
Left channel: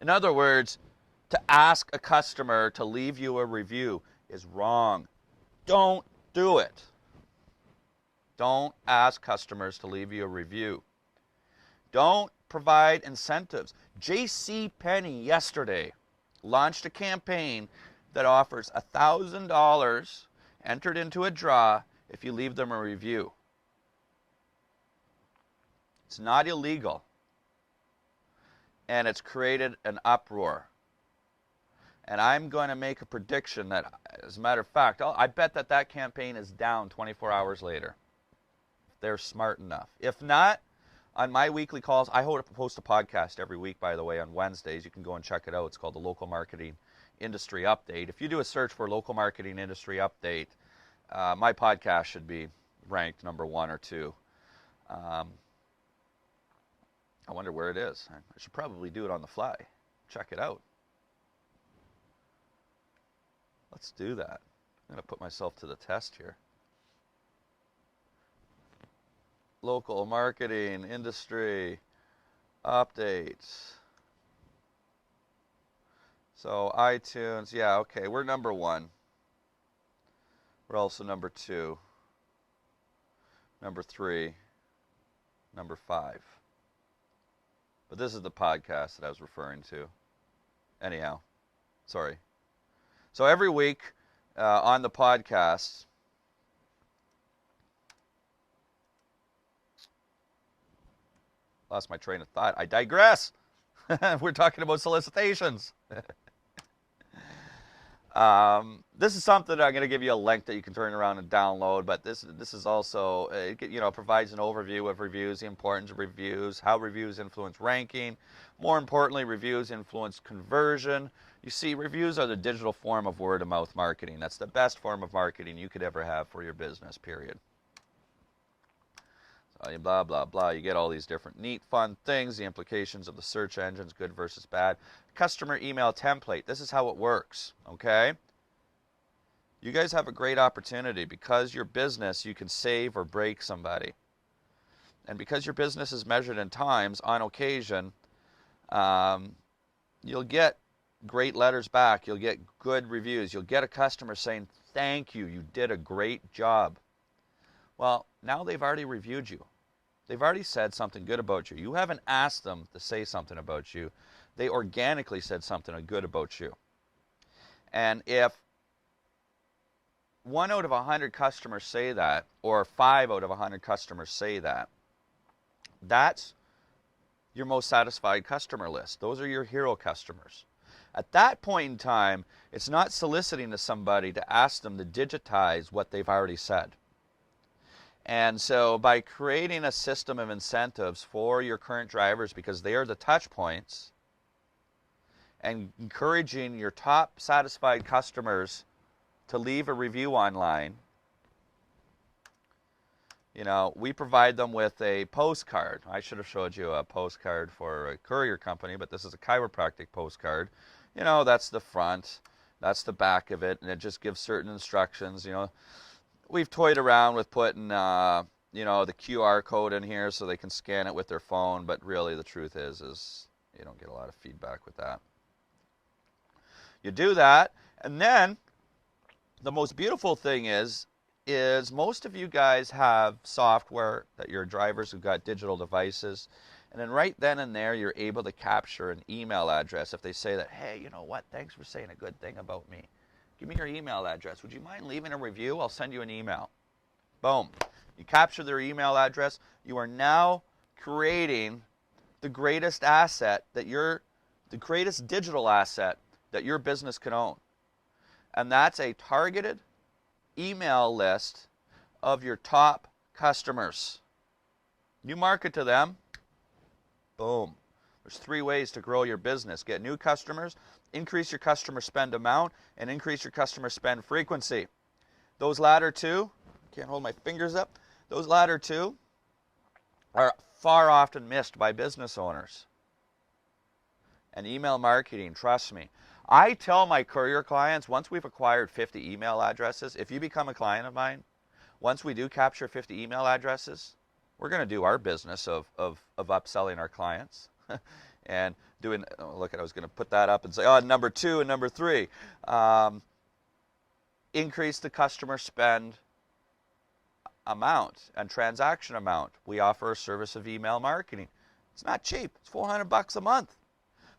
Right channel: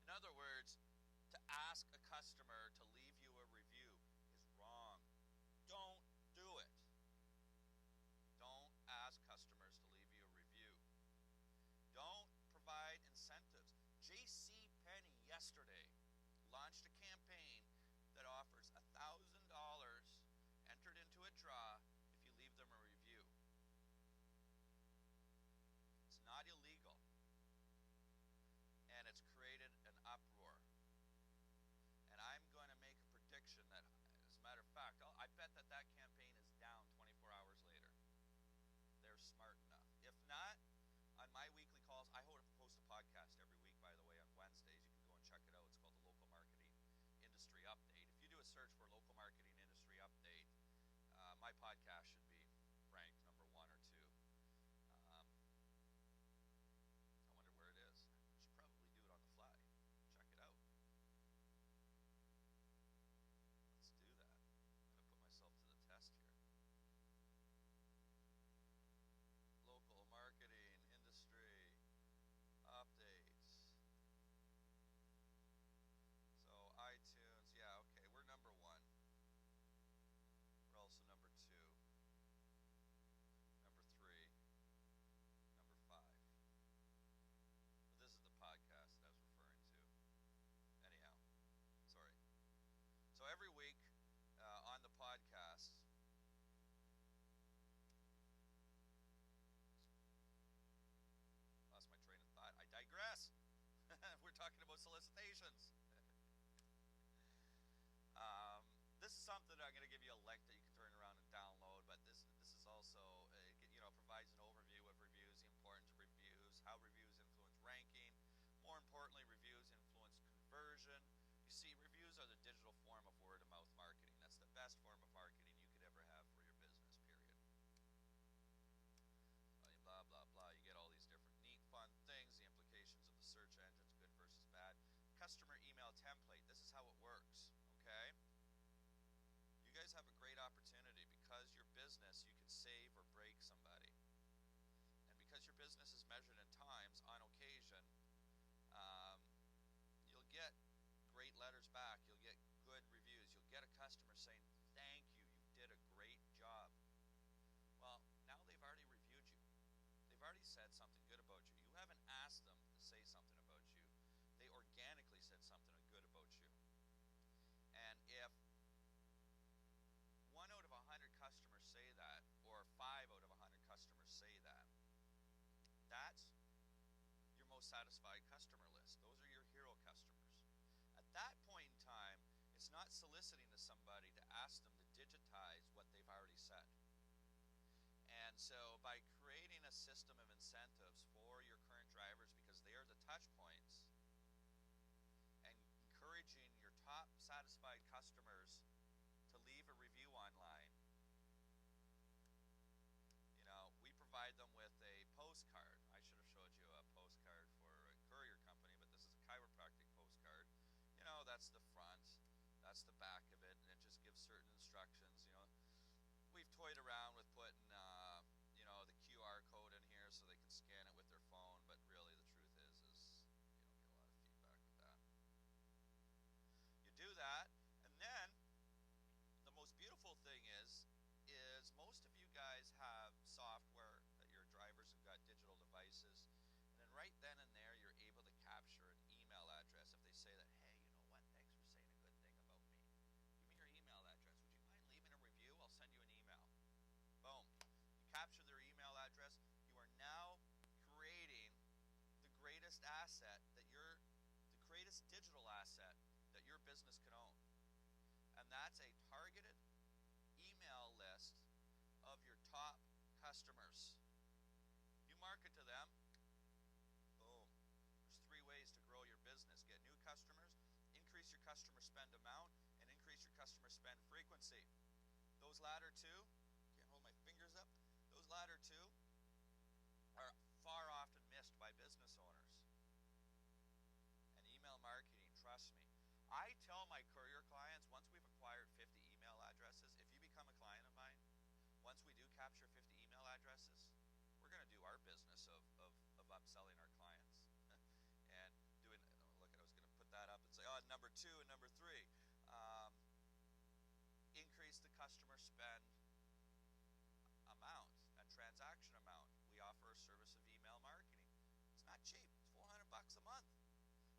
In other words, to ask a customer to leave you a review is wrong. Don't do it. Don't ask customers to leave you a review. Don't provide incentives. JCPenney yesterday launched a campaign that offers $1,000 entered into a draw if you leave them a review. It's not illegal, and it's created an uproar. And I'm going to make a prediction that, as a matter of fact, I bet that campaign is down 24 hours later. They're smart enough. If not, on my weekly calls, I post a podcast every week, by the way, on Wednesdays. You can go and check it out. It's called the Local Marketing industry update. If you do a search for local marketing industry update, my podcast should be ranked number 1 or 2. I wonder where it is. I should probably do it on the fly. Check it out. Let's do that. I'm going to put myself to the test here. Local marketing industry updates. So iTunes, yeah, okay, we're number 1. We're also number 2, number 3, number 5. But this is the podcast that I was referring to. Anyhow, sorry. So every week on the podcast, lost my train of thought. I digress. We're talking about solicitations. This is something I'm going to give you a link that you can turn around and download, but this is also, provides an overview of reviews, the importance of reviews, how reviews influence ranking. More importantly, reviews influence conversion. You see, reviews are the digital form of word-of-mouth marketing. That's the best form of marketing you could ever have for your business, period. So, blah, blah, blah. You get all these different neat, fun things, the implications of the search engines, good versus bad. Customer email template. This is how it works, okay? You guys have a great opportunity. Because your business, you can save or break somebody. And because your business is measured in times, on occasion, you'll get great letters back. You'll get good reviews. You'll get a customer saying, thank you, you did a great job. Well, now they've already reviewed you. They've already said something good about you. You haven't asked them to say something about you. They organically said something good about you. And if 1 out of 100 customers say that, or 5 out of 100 customers say that, that's your most satisfied customer list. Those are your hero customers. At that point in time, it's not soliciting to somebody to ask them to digitize what they've already said. And so by creating a system of incentives for your current drivers, because they are the touch points, and encouraging your top satisfied customers to leave a review online, we provide them with a postcard. I should have showed you a postcard for a courier company, but this is a chiropractic postcard. That's the front, that's the back of it, and it just gives certain instructions. We've toyed around with putting, the QR code in here so they can scan it with their phone, but really the truth is you don't get a lot of feedback with that. You do that, and then the most beautiful thing is most of you guys have software that your drivers have got digital devices, and then right then and there you're able to capture an email address if they say that, hey, you know what, thanks for saying a good thing about me. Give me your email address. Would you mind leaving a review? I'll send you an email. Boom. You capture their email address. You are now creating the greatest asset the greatest digital asset that your business can own. And that's a targeted email list of your top customers. You market to them. Boom. There's 3 ways to grow your business. Get new customers, increase your customer spend amount, and increase your customer spend frequency. Those latter 2, can't hold my fingers up, those latter 2 are far often missed by business owners. And email marketing, trust me. I tell my courier clients, once we've acquired 50 email addresses, if you become a client of mine, once we do capture 50 email addresses, we're going to do our business of upselling our clients. And doing, I was going to put that up and say, number 2 and number 3. Increase the customer spend amount and transaction amount. We offer a service of email marketing. It's not cheap. It's $400 a month.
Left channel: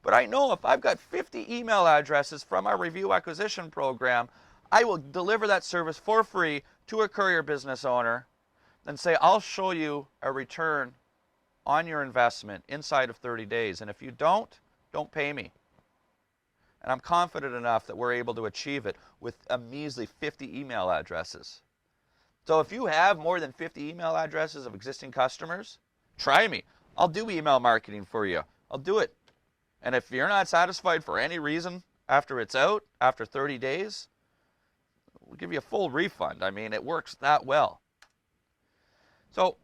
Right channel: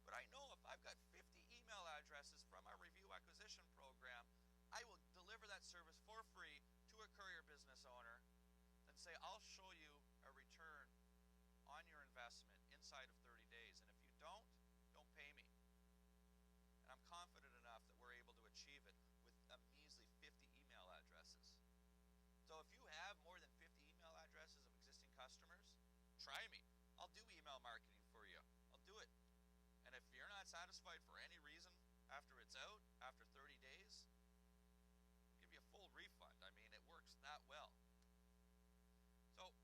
But I know if I've got 50 email addresses from our review acquisition program, I will deliver that service for free to a courier business owner and say, I'll show you a return on your investment inside of 30 days. And if you don't pay me. And I'm confident enough that we're able to achieve it with a measly 50 email addresses. So if you have more than 50 email addresses of existing customers, try me. I'll do email marketing for you. I'll do it. And if you're not satisfied for any reason, after it's out, after 30 days, we'll give you a full refund. I mean, it works that well. So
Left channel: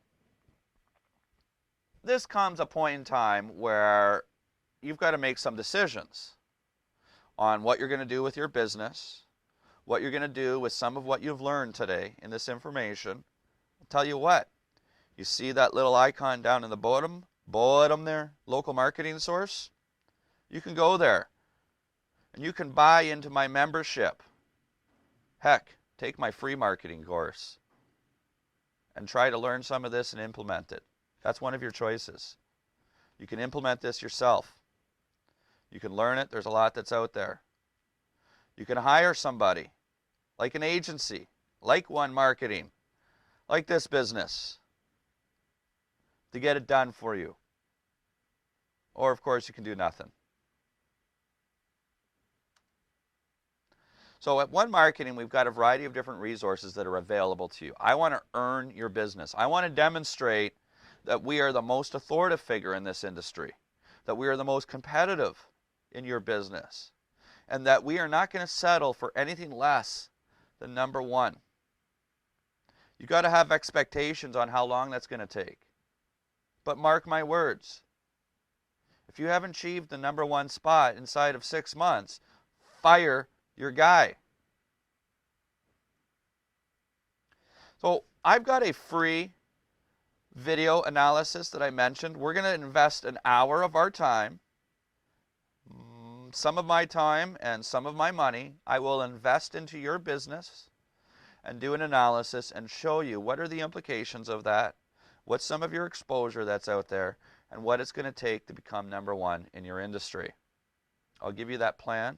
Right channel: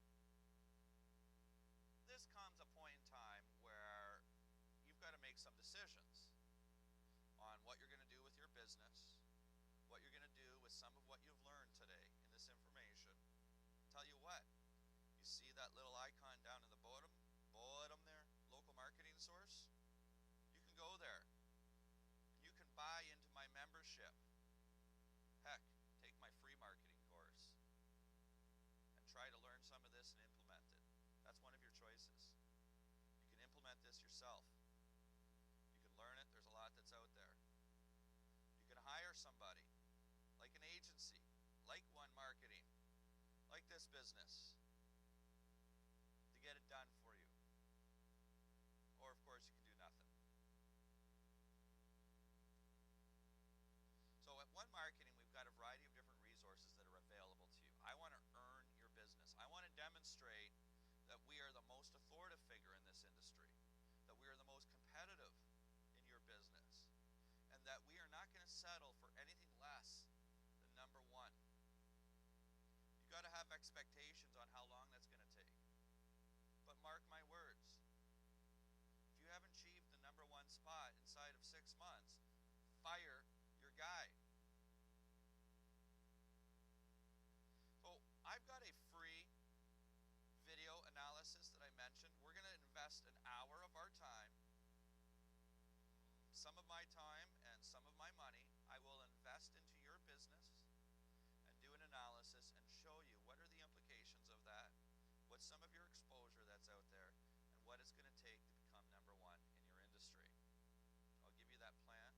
this comes a point in time where you've got to make some decisions on what you're going to do with your business, what you're going to do with some of what you've learned today in this information. I'll tell you what, you see that little icon down in the bottom there, local marketing source? You can go there and you can buy into my membership. Heck, take my free marketing course and try to learn some of this and implement it. That's one of your choices. You can implement this yourself. You can learn it. There's a lot that's out there. You can hire somebody, like an agency, like One Marketing, like this business, to get it done for you. Or, of course, you can do nothing. So at One Marketing, we've got a variety of different resources that are available to you. I want to earn your business. I want to demonstrate that we are the most authoritative figure in this industry, that we are the most competitive in your business, and that we are not going to settle for anything less than number one. You've got to have expectations on how long that's going to take. But mark my words, if you haven't achieved the number one spot inside of 6 months, fire your guy. So I've got a free video analysis that I mentioned. We're going to invest an hour of our time, some of my time and some of my money. I will invest into your business and do an analysis and show you what are the implications of that, what's some of your exposure that's out there, and what it's going to take to become number one in your industry. I'll give you that plan.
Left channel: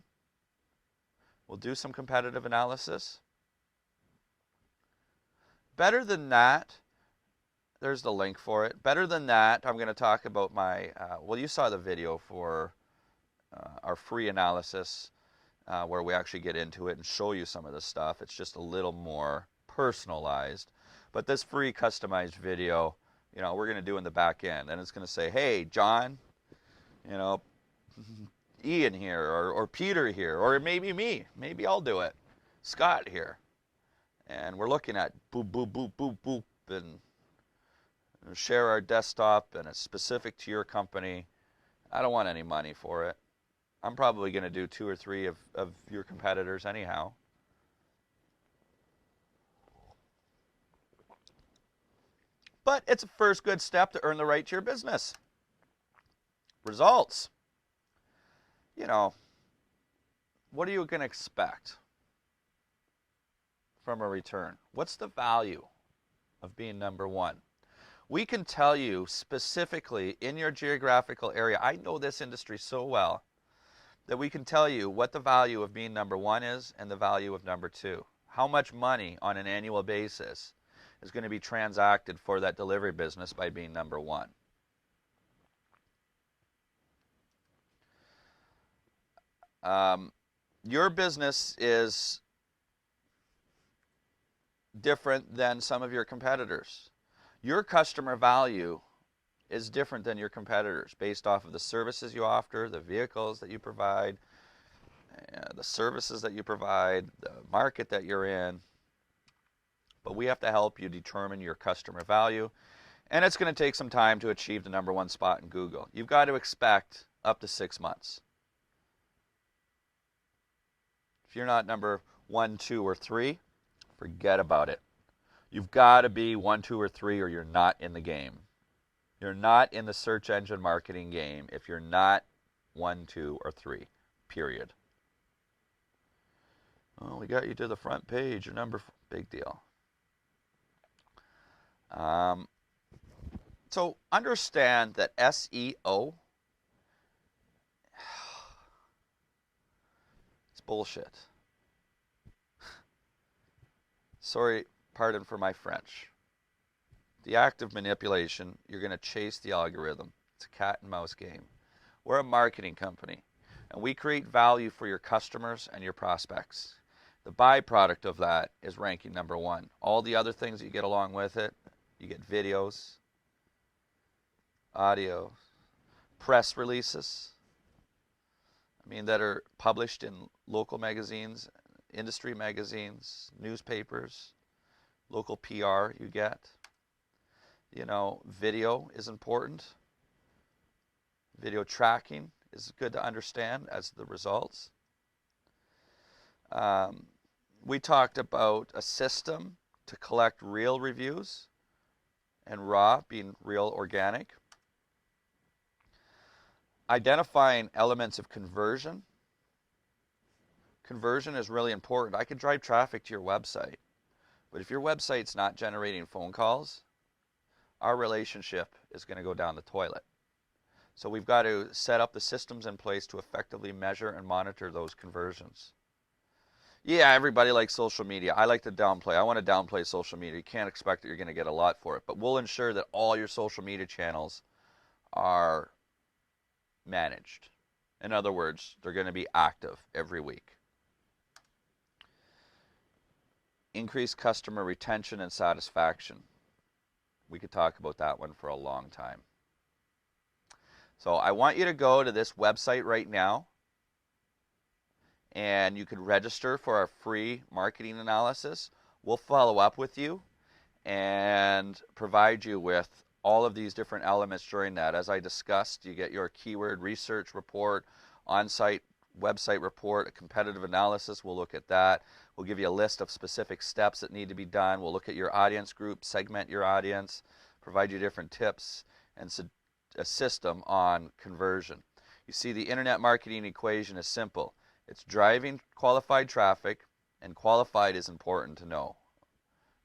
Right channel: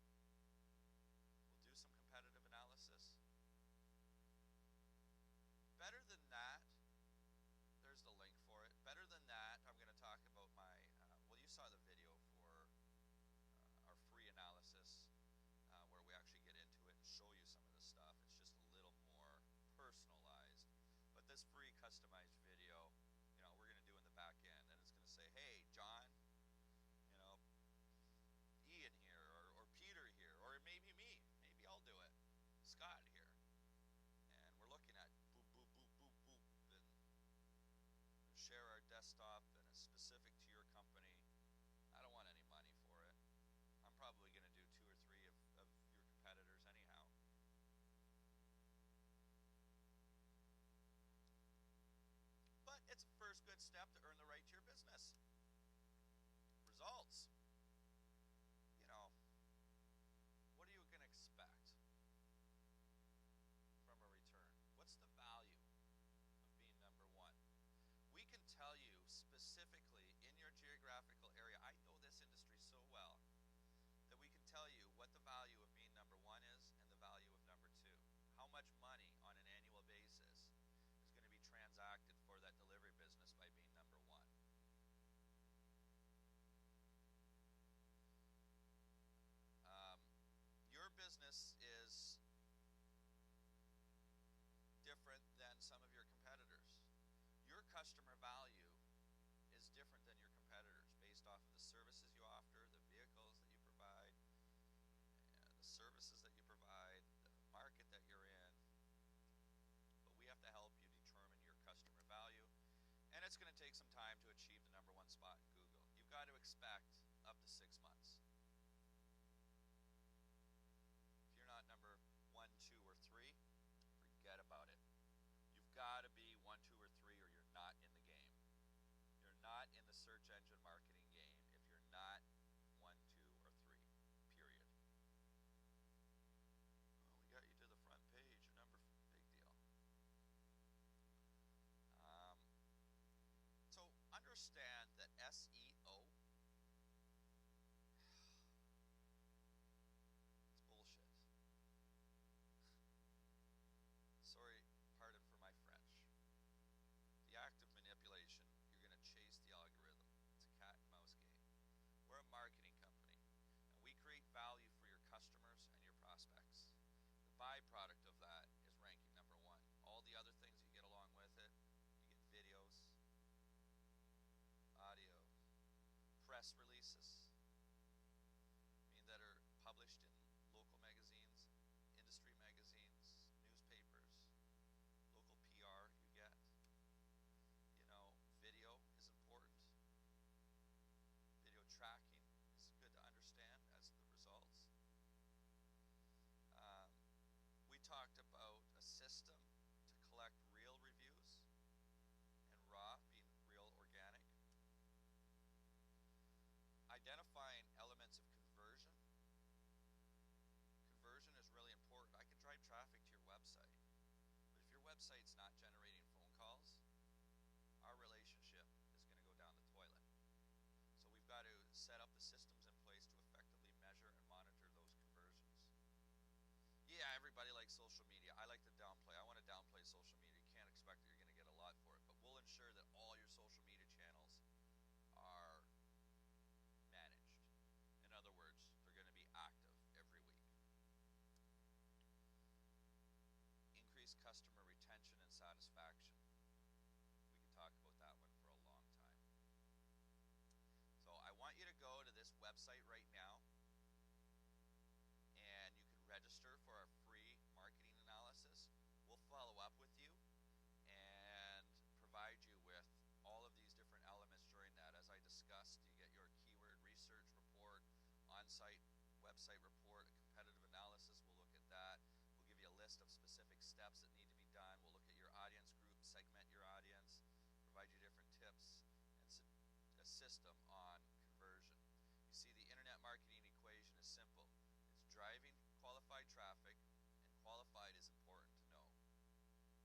We'll do some competitive analysis. Better than that, there's the link for it. Better than that, I'm going to talk about my, well, you saw the video for our free analysis where we actually get into it and show you some of the stuff. It's just a little more personalized. But this free customized video, you know, we're going to do in the back end. And it's going to say, hey, John, you know, Ian here, or Peter here, or maybe me. Maybe I'll do it. Scott here. And we're looking at boop, boop, boop, boop, boop, and share our desktop, and it's specific to your company. I don't want any money for it. I'm probably going to do 2 or 3 of your competitors anyhow. But it's a first good step to earn the right to your business. Results. You know, what are you going to expect from a return? What's the value of being number one? We can tell you specifically in your geographical area, I know this industry so well, that we can tell you what the value of being number one is and the value of number two. How much money on an annual basis is going to be transacted for that delivery business by being number one. Your business is different than some of your competitors. Your customer value is different than your competitors based off of the services you offer, the vehicles that you provide, the services that you provide, the market that you're in. But we have to help you determine your customer value, and it's going to take some time to achieve the number one spot in Google. You've got to expect up to 6 months. If you're not number 1, 2, or 3, forget about it. You've got to be 1, 2, or 3, or you're not in the game. You're not in the search engine marketing game if you're not 1, 2, or 3, period. Oh, we got you to the front page. You're number 4. Big deal. So understand that SEO, it's bullshit. Sorry, pardon for my French. The act of manipulation, you're going to chase the algorithm. It's a cat and mouse game. We're a marketing company, and we create value for your customers and your prospects. The byproduct of that is ranking number one. All the other things that you get along with it, you get videos, audio, press releases, I mean, that are published in local magazines, industry magazines, newspapers, local PR you get. You know, video is important. Video tracking is good to understand as the results. We talked about a system to collect real reviews and raw being real organic. Identifying elements of conversion. Conversion is really important. I could drive traffic to your website, but if your website's not generating phone calls, our relationship is going to go down the toilet. So we've got to set up the systems in place to effectively measure and monitor those conversions. Yeah, everybody likes social media. I like to downplay. I want to downplay social media. You can't expect that you're going to get a lot for it, but we'll ensure that all your social media channels are managed. In other words, they're going to be active every week. Increase customer retention and satisfaction. We could talk about that one for a long time. So I want you to go to this website right now, and you can register for our free marketing analysis. We'll follow up with you and provide you with all of these different elements during that. As I discussed, you get your keyword research report, on-site website report, a competitive analysis. We'll look at that. We'll give you a list of specific steps that need to be done. We'll look at your audience group, segment your audience, provide you different tips, and a system on conversion. You see, the internet marketing equation is simple. It's driving qualified traffic, and qualified is important to know,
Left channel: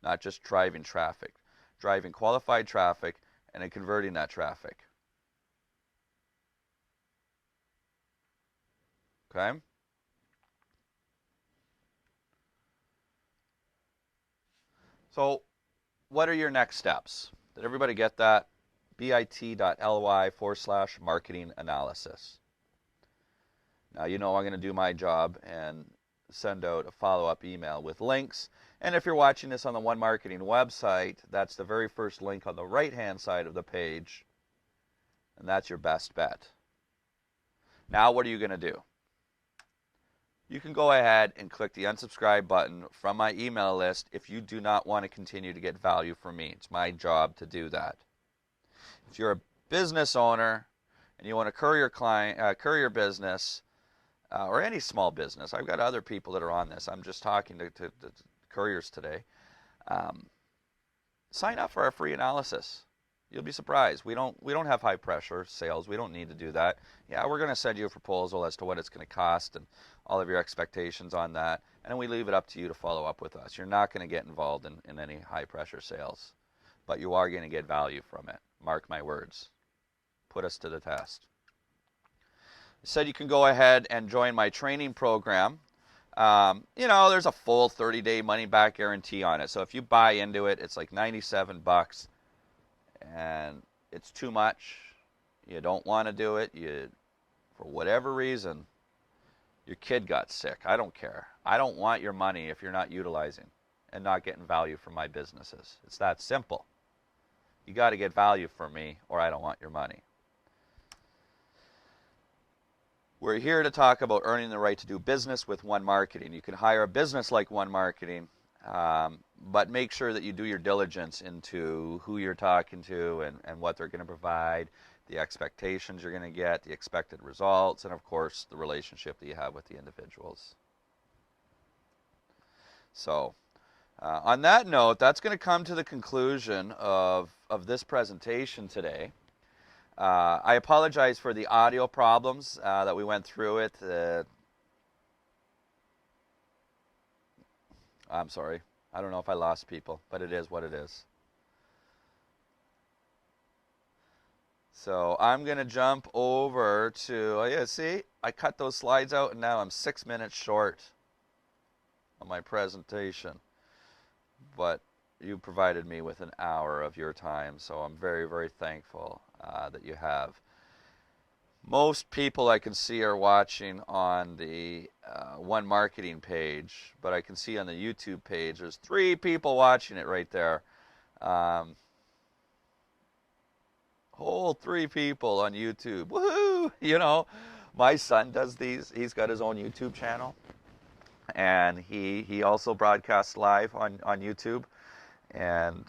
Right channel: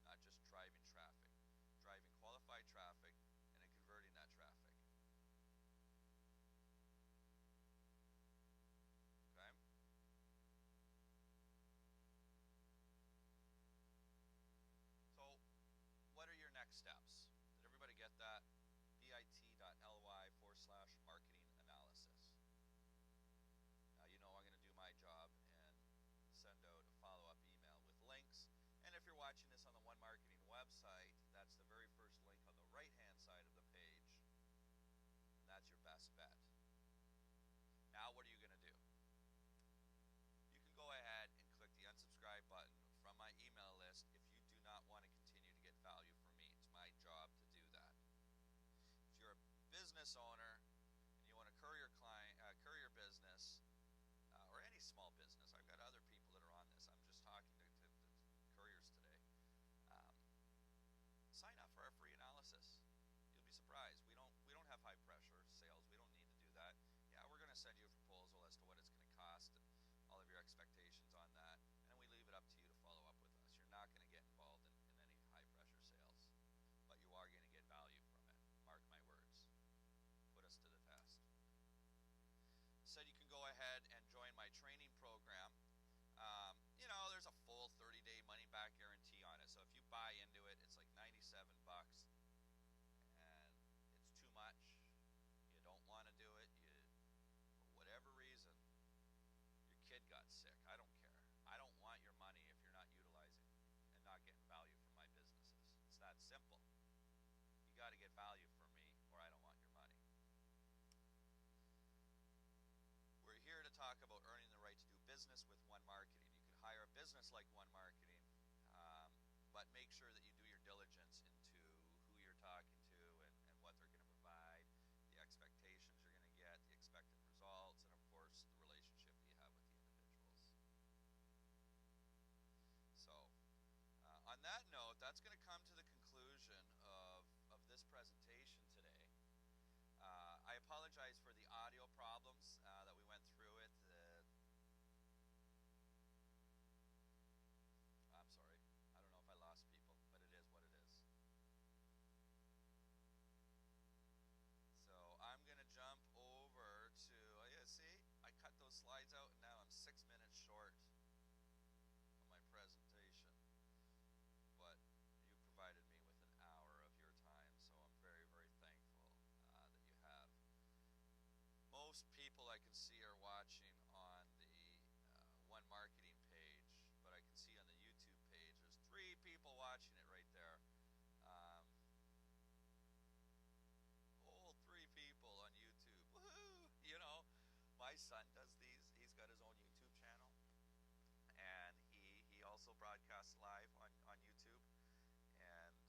not just driving traffic. Driving qualified traffic and then converting that traffic. Okay? So, what are your next steps? Did everybody get that? bit.ly/marketing analysis. Now, you know I'm going to do my job and send out a follow-up email with links. And if you're watching this on the One Marketing website, that's the very first link on the right-hand side of the page. And that's your best bet. Now, what are you going to do? You can go ahead and click the unsubscribe button from my email list if you do not want to continue to get value from me. It's my job to do that. If you're a business owner and you want to courier business, or any small business, I've got other people that are on this. I'm just talking to couriers today. Sign up for our free analysis. You'll be surprised. We don't have high pressure sales. We don't need to do that. Yeah, we're going to send you a proposal as to what it's going to cost and all of your expectations on that, and then we leave it up to you to follow up with us. You're not going to get involved in any high pressure sales, but you are going to get value from it. Mark my words. Put us to the test. I said you can go ahead and join my training program. You know, there's a full 30-day money-back guarantee on it. So if you buy into it, it's like $97, and it's too much. You don't want to do it. For whatever reason, your kid got sick. I don't care. I don't want your money if you're not utilizing and not getting value from my businesses. It's that simple. You got to get value from me, or I don't want your money. We're here to talk about earning the right to do business with One Marketing. You can hire a business like One Marketing, but make sure that you do your diligence into who you're talking to and what they're going to provide, the expectations you're going to get, the expected results, and of course the relationship that you have with the individuals. So on that note, that's going to come to the conclusion of this presentation today. I apologize for the audio problems that we went through it. I'm sorry. I don't know if I lost people, but it is what it is. So I'm going to jump over to, oh yeah, see, I cut those slides out and now I'm 6 minutes short on my presentation. But you provided me with an hour of your time, so I'm very, very thankful that you have. Most people I can see are watching on the One Marketing page, but I can see on the YouTube page there's 3 people watching it right there. Whole 3 people on YouTube. Woohoo! You know, My son does these. He's got his own YouTube channel, and he also broadcasts live on YouTube, and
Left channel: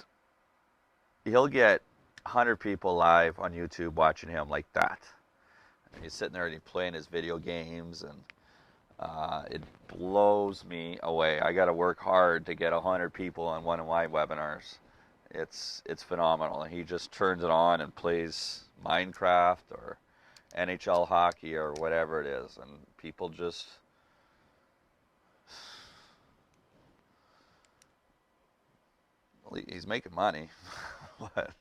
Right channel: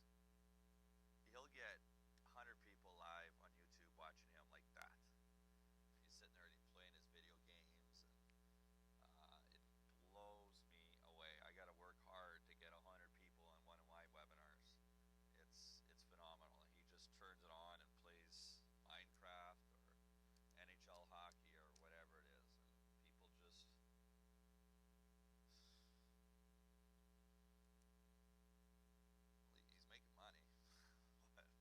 he'll get 100 people live on YouTube watching him like that. And he's sitting there and he's playing his video games, and it blows me away. I got to work hard to get 100 people on one of my webinars. It's phenomenal. He just turns it on and plays Minecraft or NHL hockey or whatever it is, and people just he's making money. But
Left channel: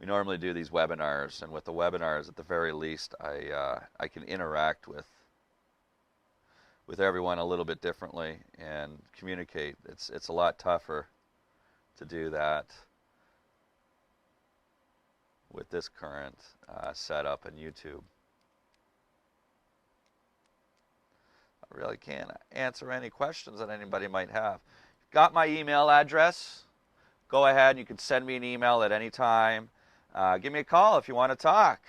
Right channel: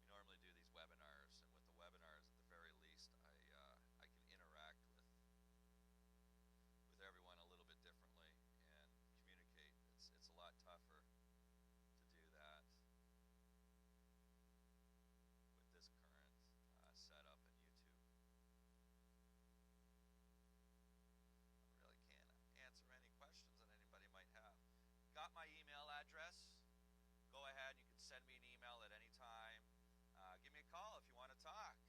we normally do these webinars, and with the webinars, at the very least, I can interact with everyone a little bit differently and communicate. It's a lot tougher to do that with this current setup in YouTube. I really can't answer any questions that anybody might have. Got my email address? Go ahead, you can send me an email at any time. Give me a call if you want to talk.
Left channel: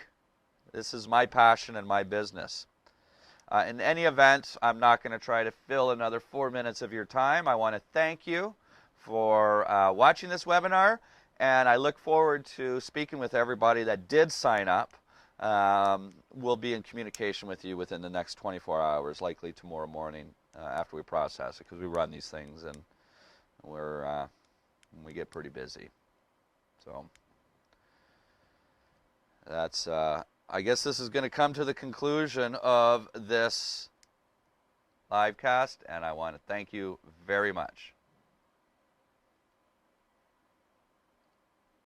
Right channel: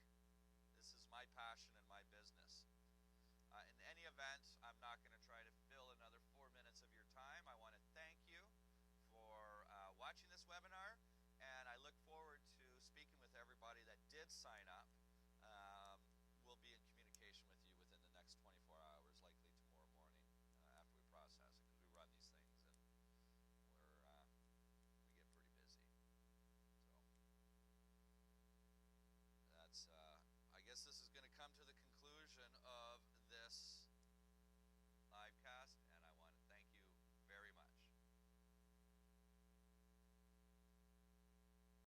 This is my passion and my business. In any event, I'm not going to try to fill another 4 minutes of your time. I want to thank you for watching this webinar, and I look forward to speaking with everybody that did sign up. We'll be in communication with you within the next 24 hours, likely tomorrow morning after we process it, because we run these things and we get pretty busy. So that's I guess this is going to come to the conclusion of this live cast, and I want to thank you very much.